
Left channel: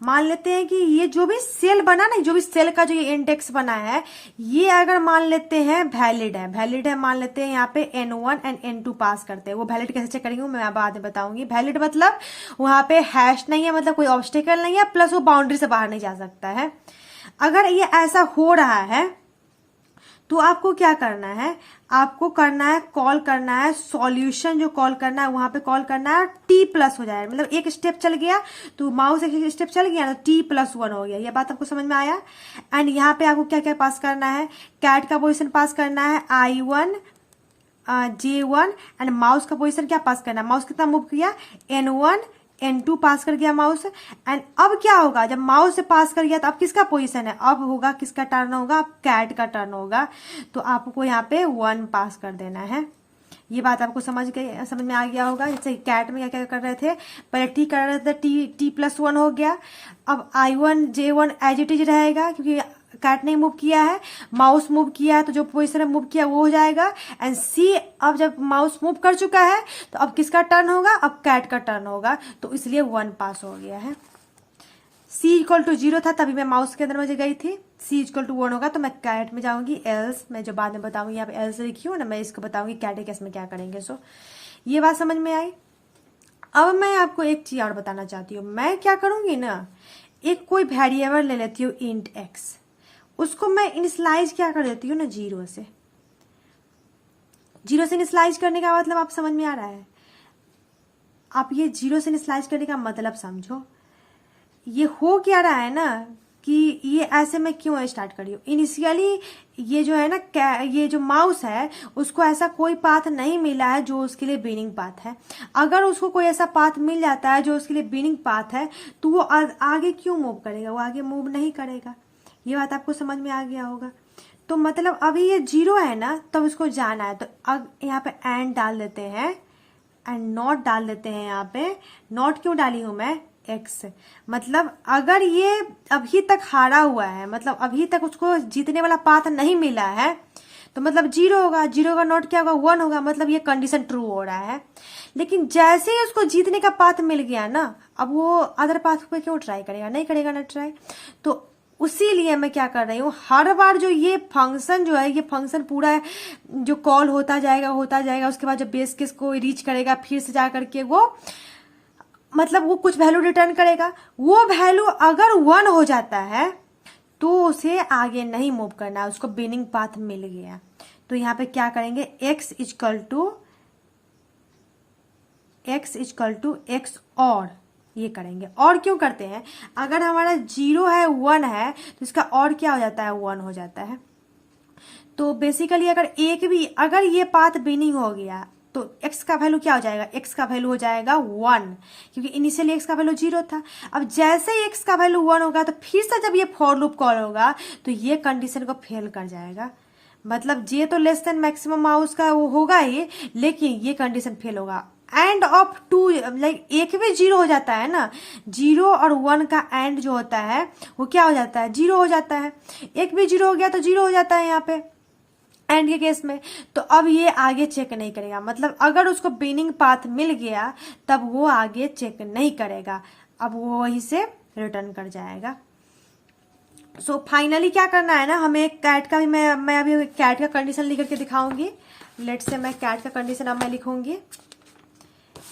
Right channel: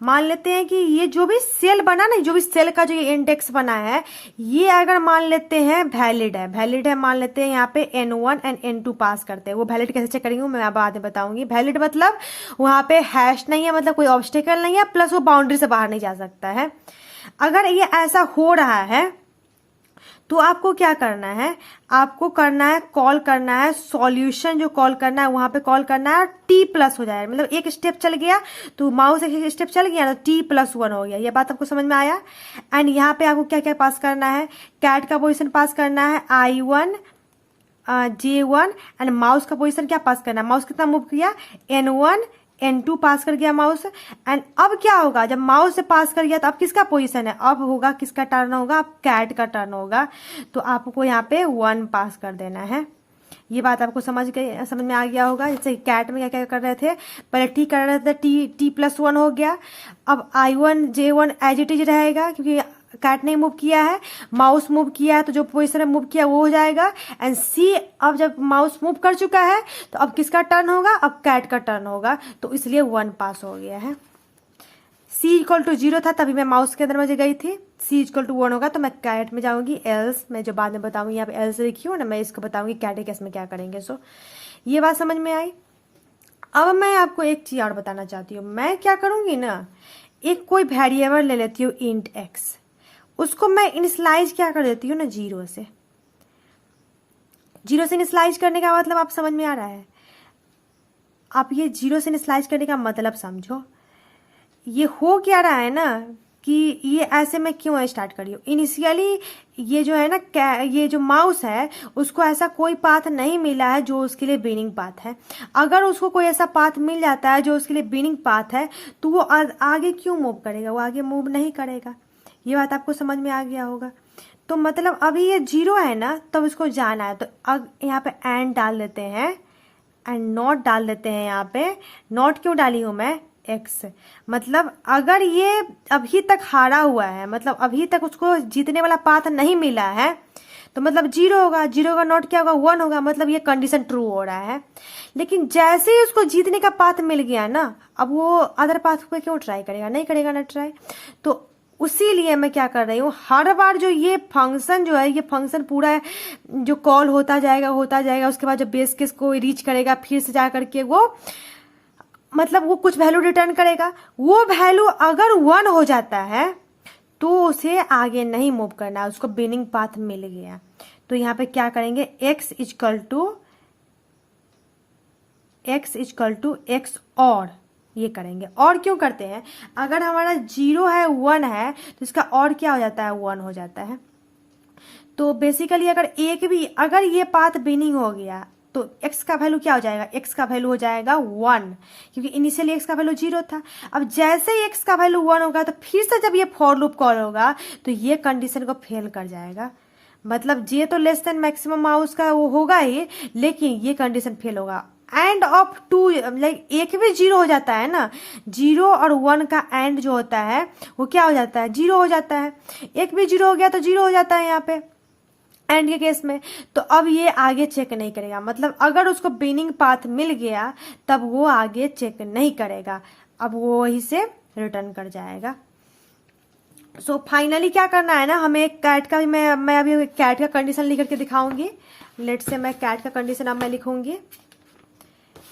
मान लेते हैं कि ये जो भी सेल बना ना, जो भी सेल का जो ये इंडेक्स बना है, ये अगर मान लेते हैं वैलिड है मान लेते हैं, यहाँ पे N1 एंड N2 पास करते हैं। वो वैलिड कैसे चेक करेंगे मैं बाद में बताऊंगी। वैलिड मतलब वहां पे हैश नहीं है, मतलब कोई ऑब्स्टेकल नहीं है, प्लस वो बाउंड्री से बाहर नहीं जा सकता है। अगर ये ऐसा हो रहा है तो आपको क्या करना है, आपको करना है कॉल करना है सॉल्यूशन, जो कॉल करना है वहां पे कॉल करना है टी प्लस हो जाए, मतलब एक स्टेप चल गया तो माउस एक स्टेप चल गया तो T+1 हो गया। ये बात आपको समझ में आया। एंड यहाँ पे आपको क्या क्या पास करना है, कैट का पोजीशन पास करना है I1 J1 एंड माउस का पोजीशन क्या पास करना है, माउस कितना मूव किया N1 N2 पास कर गया माउस। एंड अब क्या होगा, जब माउस से पास कर गया तो अब किसका पोजीशन है, अब होगा किसका टर्न होगा, अब कैट का टर्न होगा। तो आपको यहाँ पे 1 पास कर देना है। ये बात आपको समझ में आ गया होगा। जैसे कैट में क्या क्या कर रहे थे, पहले टी कर रहे थे, T+1 हो गया। अब I1 J1 as it is रहेगा क्योंकि कैट ने मूव किया है, माउस मूव किया है तो जो पोजीशन में मूव किया वो हो जाएगा। एंड सी अब जब माउस मूव कर चुका है तो अब किसका टर्न होगा, अब कैट का टर्न होगा, तो इसलिए 1 पास हो गया है। C=0 था तभी मैं माउस के अंदर मुझे गई थी, C=1 होगा तो मैं कैट में जाऊंगी, एल्स मैं जो बाद में बताऊंगी, यहाँ पे एल्स लिखी हूँ ना, मैं इसको बताऊंगी कैट केस में क्या करेंगे। सो ये बात समझ में आई। अब मैं आपको एक चीज और बताना चाहती हूँ, मैं क्या करूंगी ना, एक कोई वेरिएबल ले लेती हूँ इंट x, उसको मैं इनिशियलाइज क्या कर देती हूँ ना 0 से। 0 से इनिशियलाइज करने का मतलब आप समझ में आ रहा है, आप ये 0 से इनिशियलाइज करने का मतलब समझो। ये हो क्या रहा है ना कि ये ऐसे मैं क्यों स्टार्ट करी हूँ, इनिशियली ये जो है ना, ये जो माउस है उसको ऐसा कोई पाथ नहीं मिला है जो उसके लिए बिनिंग पाथ है। अगर उसको कोई ऐसा पाथ मिल जाता है जो उसके लिए बिनिंग पाथ है तो वो आगे क्यों मूव करेगा, वो आगे मूव नहीं करेगा। ये बात आपको समझ में आ गया होगा। तो मतलब अभी ये 0 है ना, तब उसको जाना है, तो अब यहाँ पे एंड डाल देते हैं एंड नॉट डाल देते हैं। यहाँ पे नॉट क्यों डाली हूं मैं, x, मतलब अगर ये अभी तक हारा हुआ है, मतलब अभी तक उसको जीतने वाला पाथ नहीं मिला है, तो मतलब 0 होगा, 0 का नॉट क्या होगा 1 होगा, मतलब ये कंडीशन ट्रू हो रहा है। लेकिन जैसे ही उसको जीतने का पाथ मिल गया ना, अब वो अदर पाथ पे क्यों ट्राई करेगा, नहीं करेगा ना ट्राई। तो उसी लिए मैं क्या कर रही हूँ, हर बार जो ये फंक्शन जो है, ये फंक्शन पूरा जो कॉल होता जाएगा, उसके बाद जब बेस केस को रीच करेगा फिर से जा करके वो मतलब वो कुछ वैल्यू रिटर्न करेगा। वो वैल्यू अगर 1 हो जाता है तो उसे आगे नहीं मूव करना, उसको बिनिंग पाथ मिल गया। तो यहाँ पे क्या करेंगे, x इक्वल टू x और ये करेंगे। और क्यों करते हैं, अगर हमारा 0 है 1 है तो इसका और क्या हो जाता है, 1 हो जाता है। तो बेसिकली अगर ये पाथ बिनिंग हो गया तो x का वैल्यू क्या हो जाएगा, x का वैल्यू हो जाएगा 1, क्योंकि इनिशियली x का वैल्यू 0 था। अब जैसे ही x का वैल्यू 1 होगा तो फिर से जब ये फॉर लूप कॉल होगा तो ये कंडीशन को फेल कर जाएगा। मतलब j तो लेस देन मैक्सिमम माउस का वो होगा ही, लेकिन ये कंडीशन फेल होगा। एंड ऑफ 2 लाइक एक भी 0 हो जाता है ना, 0 और 1 का एंड जो होता है वो क्या हो जाता है, 0 हो जाता है। एक भी 0 हो गया तो 0 हो जाता है यहाँ पे एंड के केस में। तो अब ये आगे चेक नहीं करेगा, मतलब अगर उसको बिनिंग पाथ मिल गया तब वो आगे चेक नहीं करेगा, अब वो वहीं से रिटर्न कर जाएगा। सो फाइनली क्या करना है ना, हमें एक कैट का भी मैं अभी कैट का कंडीशन लिख करके दिखाऊंगी। लेट से मैं कैट का कंडीशन अब मैं लिखूंगी,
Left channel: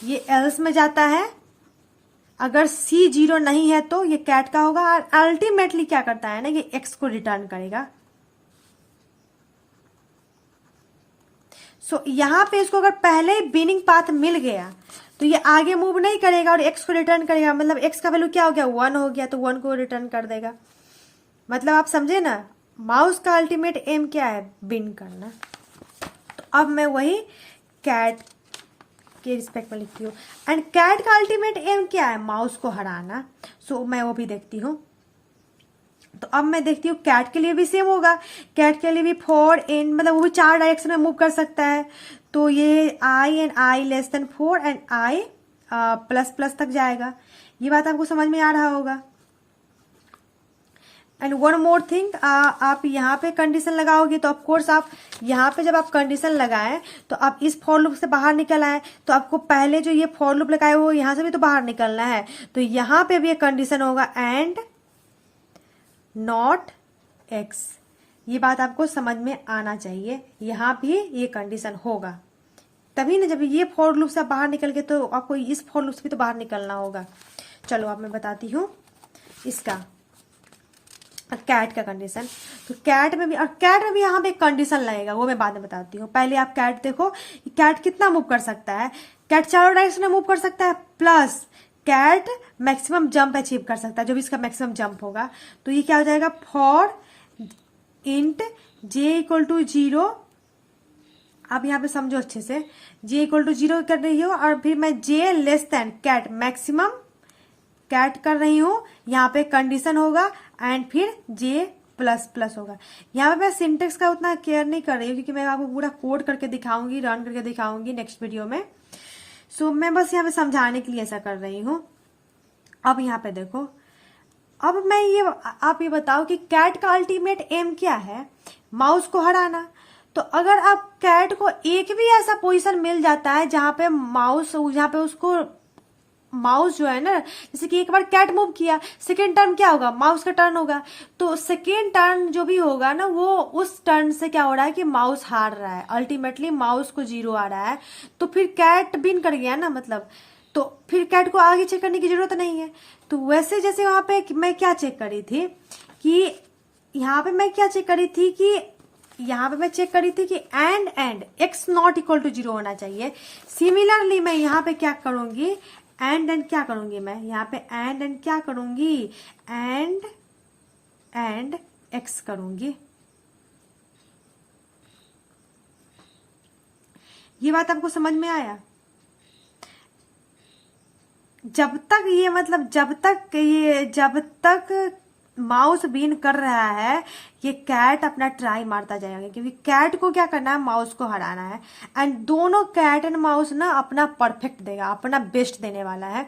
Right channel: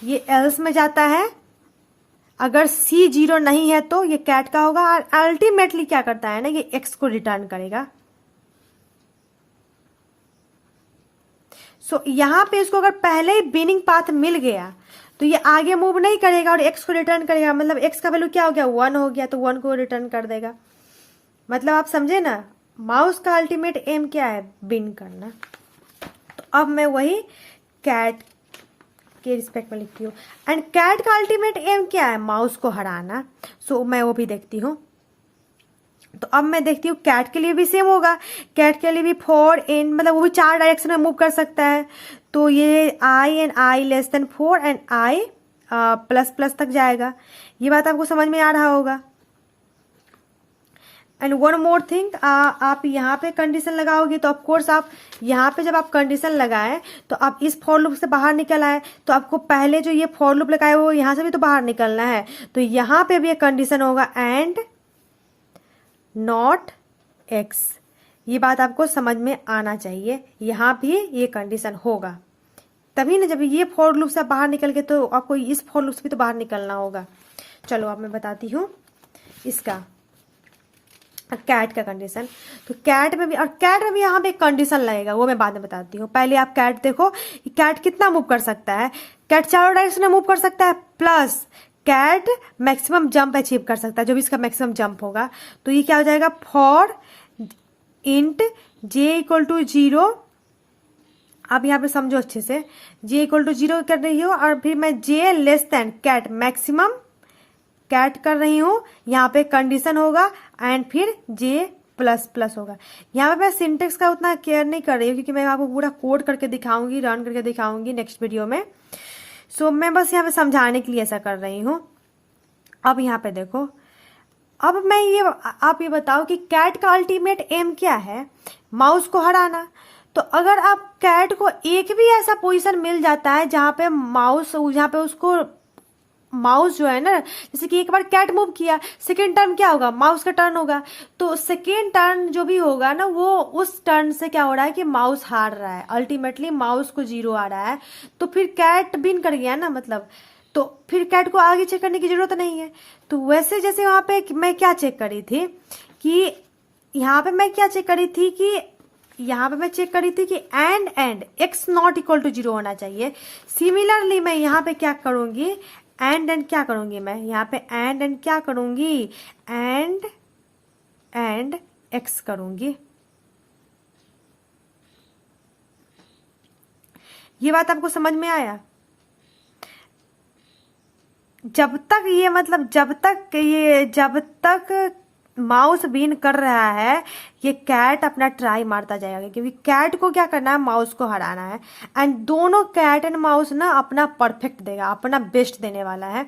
ये एल्स में जाता है, अगर C0 नहीं है तो ये कैट का होगा, और अल्टीमेटली क्या करता है ना, ये x को रिटर्न करेगा। सो यहाँ पे इसको अगर पहले ही बिनिंग पाथ मिल गया तो ये आगे मूव नहीं करेगा और x को रिटर्न करेगा, मतलब x का वैल्यू क्या हो गया, 1 हो गया, तो 1 को रिटर्न कर देगा। मतलब आप समझे ना, माउस का अल्टीमेट एम क्या है, बिन करना। तो अब मैं वही कैट के रिस्पेक्ट में लिखती हूँ। एंड कैट का अल्टीमेट एम क्या है, माउस को हराना। सो मैं वो भी देखती हूँ। तो अब मैं देखती हूँ कैट के लिए भी सेम होगा, कैट के लिए भी फॉर इन, मतलब वो भी 4 डायरेक्शन में मूव कर सकता है। तो ये i and i less than 4 and i plus plus तक जाएगा। ये बात आपको समझ में आ रहा होगा। एंड वन मोर थिंग, आप यहाँ पे कंडीशन लगाओगे तो ऑफकोर्स आप यहाँ पे जब आप कंडीशन लगाए तो आप इस फॉर लूप से बाहर निकल आए, तो आपको पहले जो ये फॉर लूप लगाए वो यहाँ से भी तो बाहर निकलना है। तो यहाँ पे भी एक कंडीशन होगा एंड नॉट एक्स। ये बात आपको समझ में आना चाहिए, यहाँ भी ये कंडीशन होगा तभी ना, जब ये फॉर लूप से बाहर निकल के तो आपको इस फॉर लूप से भी तो बाहर निकलना होगा। चलो अब मैं बताती हूँ इसका कैट का कंडीशन। तो कैट में भी यहाँ पे एक कंडीशन लगेगा, वो मैं बाद में बताती हूँ। पहले आप कैट देखो, कैट कितना मूव कर सकता है। कैट चारों डायरेक्शन में मूव कर सकता है, plus cat maximum jump achieve कर सकता है, जो भी इसका मैक्सिमम जंप होगा। तो ये क्या हो जाएगा, for int J equal to 0। आप यहाँ पे समझो अच्छे से, जे इक्वल टू 0 कर रही हो और फिर मैं जे less than cat maximum cat कर रही हूं, यहाँ पे कंडीशन होगा एंड फिर जे प्लस प्लस होगा। यहाँ पे मैं सिंटेक्स का उतना केयर नहीं कर रही हूँ क्योंकि मैं आपको पूरा कोड करके दिखाऊंगी, रन करके दिखाऊंगी नेक्स्ट वीडियो में। सो मैं बस यहाँ पे समझाने के लिए ऐसा कर रही हूँ। अब यहाँ पे देखो, अब मैं आप ये बताओ कि कैट का अल्टीमेट एम क्या है, माउस को हराना। तो अगर आप कैट को एक भी ऐसा पोजीशन मिल जाता है जहां पे उसको माउस जो है ना, जैसे कि एक बार कैट मूव किया, सेकेंड टर्न क्या होगा, माउस का टर्न होगा। तो सेकेंड टर्न जो भी होगा ना, वो उस टर्न से क्या हो रहा है कि माउस हार रहा है, अल्टीमेटली माउस को 0 आ रहा है। तो फिर कैट विन कर गया ना, मतलब तो फिर कैट को आगे चेक करने की जरूरत नहीं है। तो वैसे जैसे वहां पे मैं क्या चेक करी थी कि यहाँ पे मैं चेक करी थी कि and X not equal to 0 होना चाहिए। सिमिलरली मैं यहाँ पे क्या करूंगी, एंड क्या करूंगी, मैं यहाँ पे एंड क्या करूंगी, एंड एक्स करूंगी। ये बात आपको समझ में आया। जब तक माउस विन कर रहा है, ये कैट अपना ट्राई मारता जाएगा, क्योंकि कैट को क्या करना है, माउस को हराना है। एंड दोनों कैट एंड माउस ना अपना परफेक्ट देगा, अपना बेस्ट देने वाला है।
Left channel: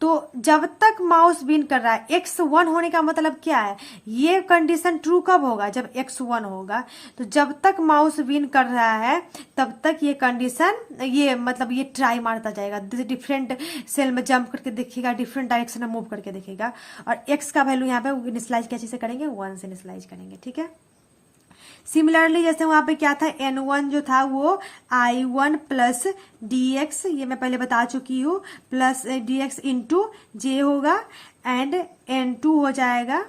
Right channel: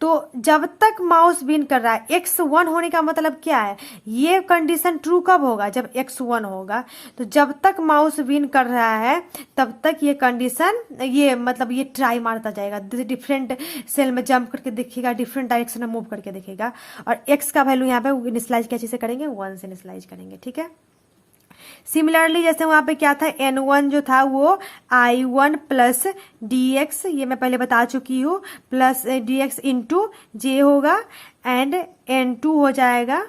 तो जब तक माउस विन कर रहा है, x 1 होने का मतलब क्या है, ये कंडीशन ट्रू कब होगा, जब x 1 होगा। तो जब तक माउस विन कर रहा है तब तक ये कंडीशन, ये ट्राई मारता जाएगा, डिफरेंट सेल में जंप करके देखेगा, डिफरेंट डायरेक्शन में मूव करके देखेगा। और x का वैल्यू यहाँ पे इनिशियलाइज कैसे से करेंगे, 1 से इनिशियलाइज करेंगे, ठीक है। सिमिलरली जैसे वहां पे क्या था, n1 जो था वो i1 प्लस dx, ये मैं पहले बता चुकी हूँ, प्लस dx इंटू जे होगा, एंड n2 हो जाएगा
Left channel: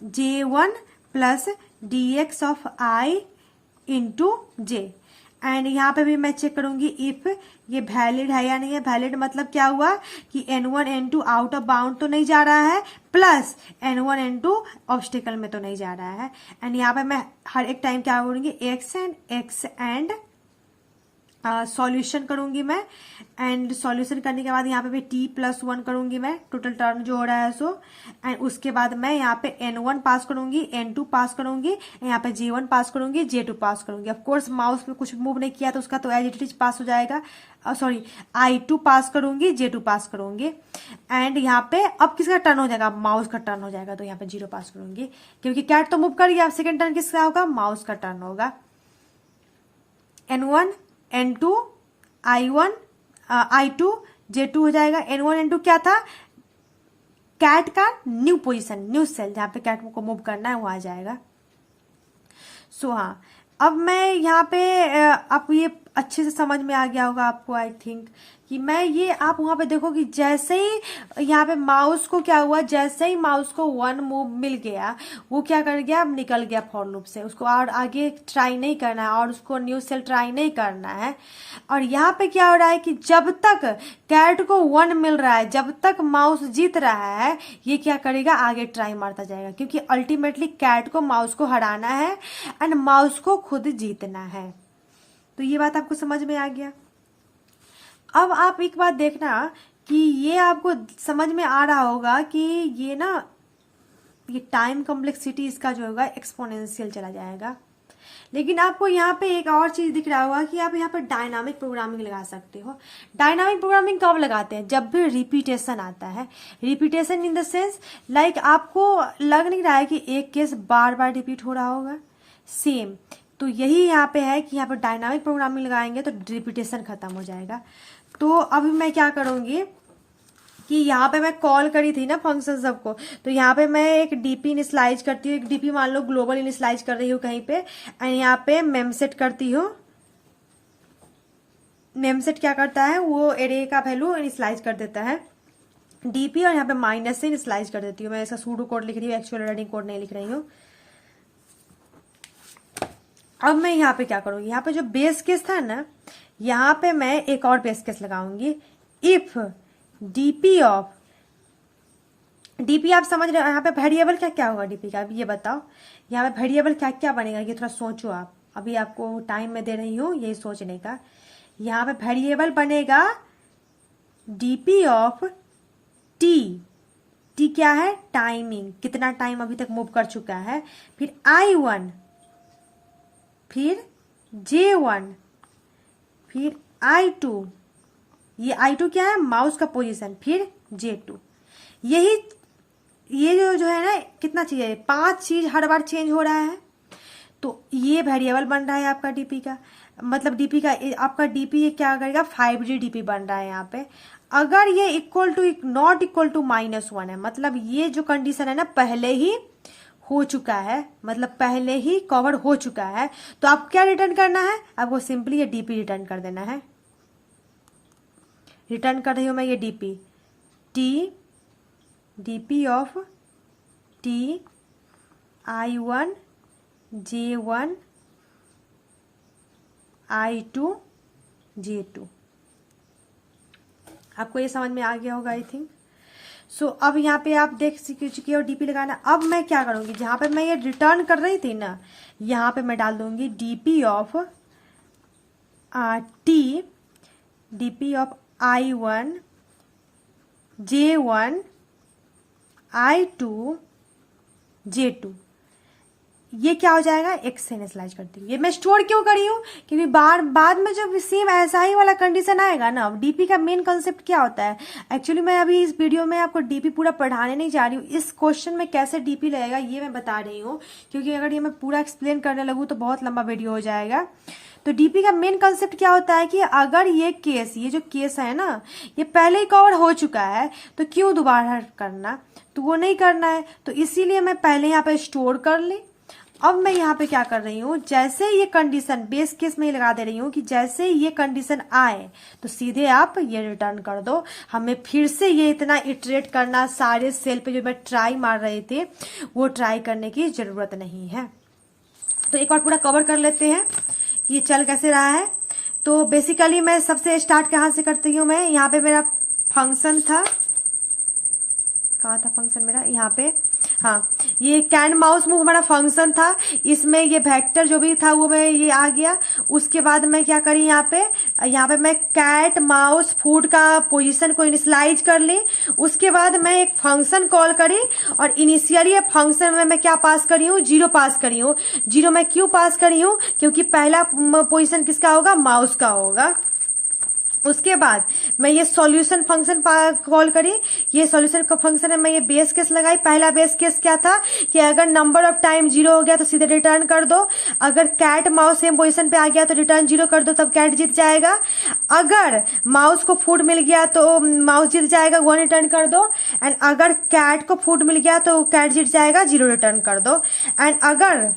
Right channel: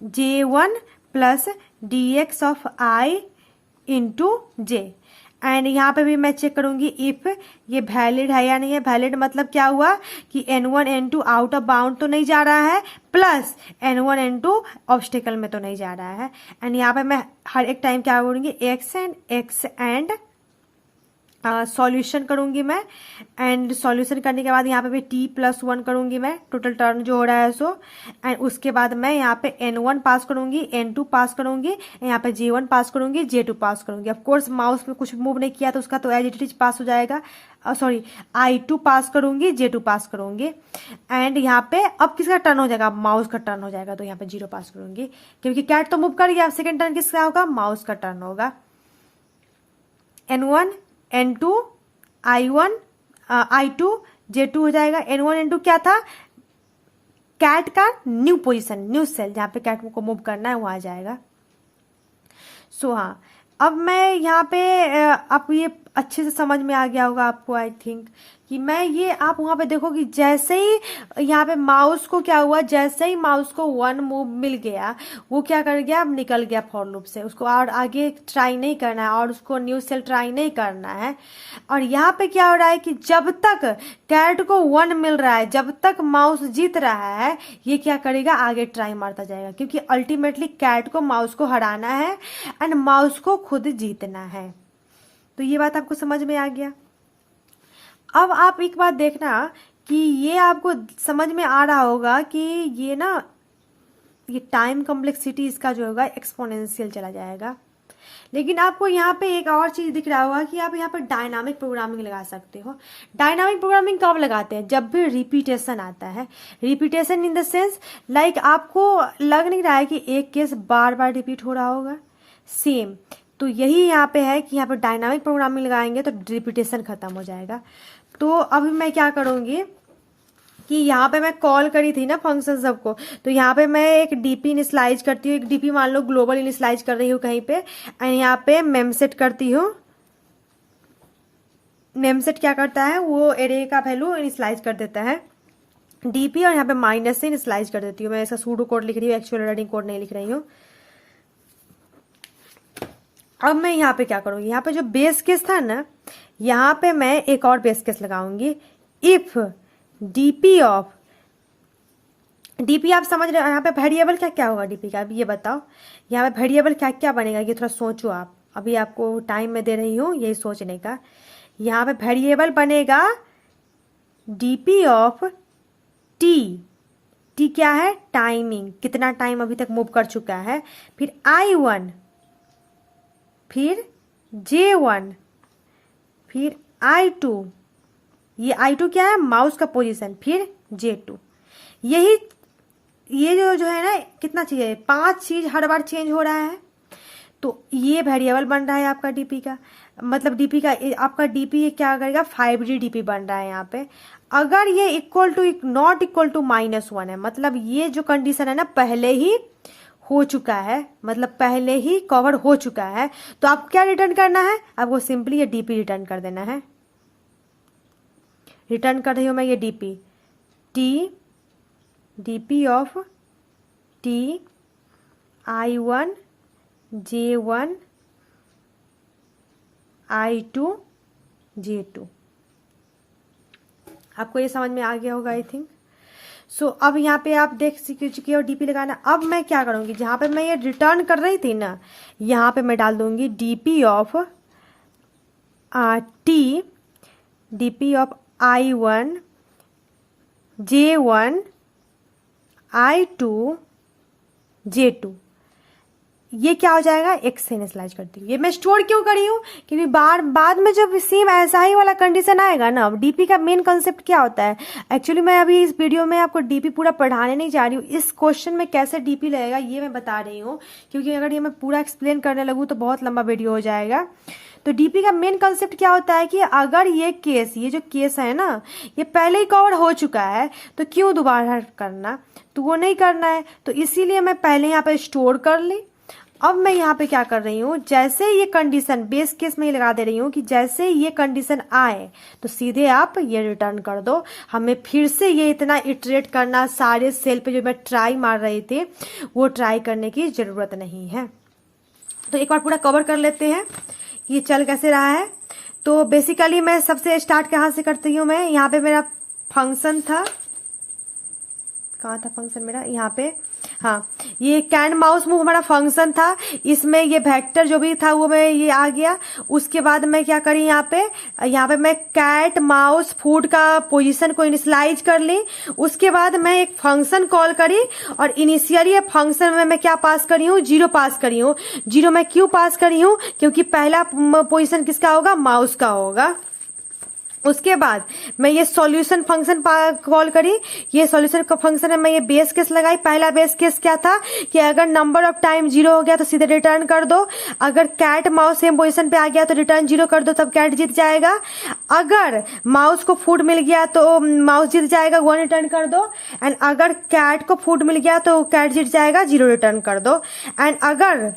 j1 plus dx of i into J. And यहाँ पे भी मैं चेक करूंगी इफ ये वैलिड है या नहीं है। वैलिड मतलब क्या हुआ कि n1 n2 out of bound तो नहीं जा रहा है, प्लस n1 n2 ऑब्स्टिकल में तो नहीं जा रहा है। एंड यहाँ पे मैं हर एक टाइम क्या करूंगी, x एंड सॉल्यूशन करूंगी मैं। एंड सॉल्यूशन करने के बाद यहाँ पे भी t+1 करूंगी मैं, टोटल टर्न जो हो रहा है सो। एंड उसके बाद मैं यहाँ पे n1 पास करूंगी, n2 पास करूंगी, यहाँ पे j1 पास करूंगी, j2 पास करूंगी। ऑफ कोर्स माउस में कुछ मूव नहीं किया तो उसका तो एज इट इज पास हो जाएगा। सॉरी, i2 पास करूंगी, j2 पास करूंगी। एंड यहाँ पे अब किसका टर्न हो जाएगा, माउस का टर्न हो जाएगा, तो यहाँ पे 0 पास करूंगी, क्योंकि कैट तो मूव कर गया। सेकेंड टर्न किसका होगा, माउस का टर्न होगा। n1 n2 i1 i2 j2 हो जाएगा। n1 n2 क्या था, कैट का न्यू पोजीशन, न्यू सेल जहां पे कैट को मूव करना है वो आ जाएगा। सो हाँ, अब मैं यहाँ पे आप ये अच्छे से समझ में आ गया होगा आपको, आई थिंक कि मैं ये आप वहां पे देखो कि जैसे ही यहाँ पे माउस को क्या हुआ, जैसे ही माउस को 1 मूव मिल गया, वो क्या कर गया, अब निकल गया फॉर लूप से। उसको और आगे ट्राई नहीं करना है और उसको न्यू सेल ट्राई नहीं करना है। और यहाँ पे क्या हो रहा है कि जब तक कैट को 1 मिल रहा है, जब तक माउस जीत रहा है, ये क्या करेगा, आगे ट्राई मारता जाएगा, क्योंकि अल्टीमेटली कैट को माउस को हराना है एंड माउस को खुद जीतना है। तो ये बात आपको समझ में आ गया। अब आप एक बात देखना कि ये आपको समझ में आ रहा होगा कि ये टाइम कॉम्प्लेक्सिटी इसका जो होगा एक्सपोनेंशियल चला जाएगा। लेकिन आपको यहाँ पे एक और चीज दिख रहा होगा कि आप यहाँ पे डायनामिक प्रोग्रामिंग लगा सकते हो। डायनामिक प्रोग्रामिंग कब लगाते हैं? जब भी रिपीटेशन आता है। Repetition in the sense like आपको लग नहीं रहा है कि एक केस बार बार रिपीट हो रहा होगा सेम, तो यही यहाँ पे है कि यहाँ पे डायनामिक प्रोग्रामिंग लगाएंगे तो रिपीटेशन खत्म हो जाएगा। तो अभी मैं क्या करूंगी कि यहाँ पे मैं कॉल करी थी ना फंक्शन सबको, तो यहाँ पे मैं एक डीपी इनिशियलाइज करती हूँ। एक डीपी मान लो ग्लोबल इनिशियलाइज कर रही हूँ कहीं पे, एंड यहाँ पे मेमसेट करती हूँ। मेमसेट क्या करता है, वो एरे का वैल्यू इनिशियलाइज कर देता है डीपी, और यहाँ पे माइनस से इनिशियलाइज कर देती हूँ। मैं ऐसा सूडो कोड लिख रही हूँ, एक्चुअल रनिंग कोड नहीं लिख रही हूँ। अब मैं यहाँ पे क्या करूंगी, यहाँ पे जो बेस केस था ना, यहाँ पे मैं एक और बेस केस लगाऊंगी। इफ डीपी ऑफ, डीपी आप समझ रहे हो, यहाँ पे वेरिएबल क्या क्या होगा डीपी का, अभी ये बताओ यहाँ पे वेरिएबल क्या क्या बनेगा, ये थोड़ा सोचो आप। अभी आपको टाइम में दे रही हूँ यही सोचने का। यहाँ पे वेरिएबल बनेगा डीपी ऑफ टी। टी क्या है? टाइमिंग, कितना टाइम अभी तक मूव कर चुका है। फिर I1, फिर J1, फिर I2, ये I2 क्या है? माउस का पोजीशन, फिर J2। यही ये जो है ना, कितना चाहिए? 5 चीज हर बार चेंज हो रहा है, तो ये वेरिएबल बन रहा है आपका डीपी का। मतलब डीपी का आपका डीपी क्या करेगा? 5D डीपी बन रहा है यहाँ पे। अगर ये equal to not equal to -1 है, मतलब ये जो कंडीशन है ना पहले ही हो चुका है, मतलब पहले ही कवर हो चुका है, तो आपको क्या रिटर्न करना है? आपको सिंपली ये डीपी रिटर्न कर देना है। रिटर्न कर रही हूं मैं ये DP, DP of T I1 J1 I2 J2। आपको ये समझ में आ गया होगा आई थिंक। सो अब यहाँ पे आप देख चुकी हो डीपी लगाना। अब मैं क्या करूंगी, जहां पे मैं ये रिटर्न कर रही थी ना, यहाँ पे मैं डाल दूंगी DP of T, DP of I1 J1 I2 J2। ये क्या हो जाएगा? एक से इनिशियलाइज करती हूँ। ये मैं स्टोर क्यों करी हूँ? क्योंकि बाद में जब सेम ऐसा ही वाला कंडीशन आएगा ना, डीपी का मेन कंसेप्ट क्या होता है, एक्चुअली मैं अभी इस वीडियो में आपको डीपी पूरा पढ़ाने नहीं जा रही हूँ। इस क्वेश्चन में कैसे डीपी लगेगा ये मैं बता रही हूँ, क्योंकि अगर ये मैं पूरा एक्सप्लेन करने लगूँ तो बहुत लंबा वीडियो हो जाएगा। तो डीपी का मेन कंसेप्ट क्या होता है कि अगर ये जो केस है ना, ये पहले ही कवर हो चुका है, तो क्यों दोबारा करना? तो वो नहीं करना है, तो इसीलिए मैं पहले यहाँ पे स्टोर कर ली। अब मैं यहाँ पे क्या कर रही हूँ, जैसे ये कंडीशन बेस केस में ही लगा दे रही हूँ कि जैसे ये कंडीशन आए तो सीधे आप ये रिटर्न कर दो। हमें फिर से ये इतना इटरेट करना, सारे सेल पे जो मैं ट्राई मार रही थी वो ट्राई करने की जरूरत नहीं है। तो एक बार पूरा कवर कर लेते हैं ये चल कैसे रहा है। तो बेसिकली मैं सबसे स्टार्ट कहाँ से करती हूँ, मैं यहाँ पे मेरा फंक्शन था, कहाँ था फंक्शन मेरा, यहाँ पे, हाँ, ये कैन माउस मूव हमारा फंक्शन था। इसमें ये वेक्टर जो भी था वो मैं ये आ गया। उसके बाद मैं क्या करी, यहाँ पे मैं कैट माउस फूड का पोजीशन को इनिशियलाइज कर ली। उसके बाद मैं एक फंक्शन कॉल करी, और इनिशियली फंक्शन में मैं क्या पास करी हूँ? 0 पास करी हूँ। 0 मैं क्यों पास करी हूँ? क्योंकि पहला पोजीशन किसका होगा? माउस का होगा। उसके बाद मैं ये सॉल्यूशन फंक्शन कॉल करी। ये सॉल्यूशन का फंक्शन है, मैं ये बेस केस लगाई। पहला बेस केस क्या था कि अगर नंबर ऑफ टाइम 0 हो गया तो सीधे रिटर्न कर दो। अगर कैट माउस सेम पोजीशन पे आ गया तो रिटर्न 0 कर दो, तब कैट जीत जाएगा। अगर माउस को फूड मिल गया तो माउस जीत जाएगा, 1 रिटर्न कर दो। एंड अगर कैट को फूड मिल गया तो कैट जीत जाएगा, 0 रिटर्न कर दो। एंड अगर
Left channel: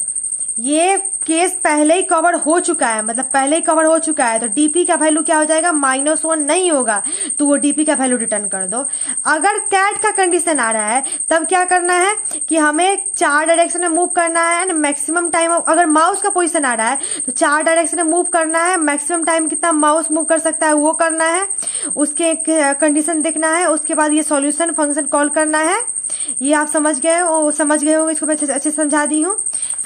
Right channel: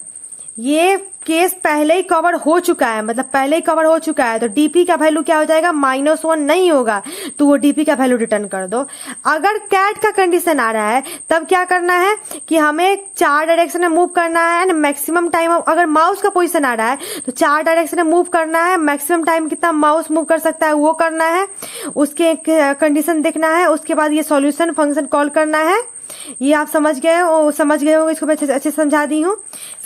ये केस पहले ही कवर हो चुका है, मतलब पहले ही कवर हो चुका है, तो डीपी का वैल्यू क्या हो जाएगा? -1 नहीं होगा, तो वो डीपी का वैल्यू रिटर्न कर दो। अगर कैट का कंडीशन आ रहा है तब क्या करना है कि हमें 4 डायरेक्शन में मूव करना है एंड मैक्सिमम टाइम, अगर माउस का पोजीशन आ रहा है तो 4 डायरेक्शन में मूव करना है। मैक्सिमम टाइम कितना माउस मूव कर सकता है वो करना है, उसके कंडीशन देखना है। उसके बाद ये सॉल्यूशन फंक्शन कॉल करना है। ये आप समझ गए हो, इसको मैं अच्छे समझा दी हूँ।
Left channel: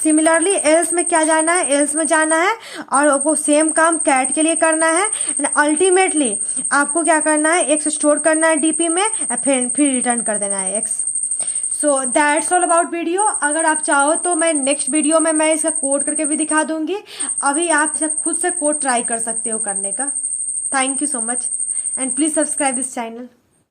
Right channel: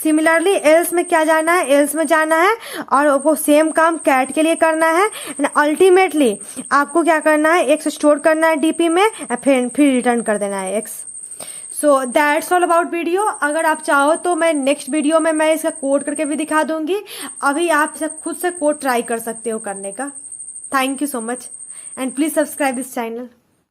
सिमिलरली एल्स में क्या जाना है? एल्स में जाना है और वो सेम काम कैट के लिए करना है। अल्टीमेटली आपको क्या करना है? एक्स स्टोर करना है डीपी में, फिर रिटर्न कर देना है x. So that's all about video. अगर आप चाहो तो मैं नेक्स्ट वीडियो में मैं इसका कोड करके भी दिखा दूंगी। अभी आप खुद से कोड ट्राई कर सकते हो करने का। Thank you so much and please subscribe this channel.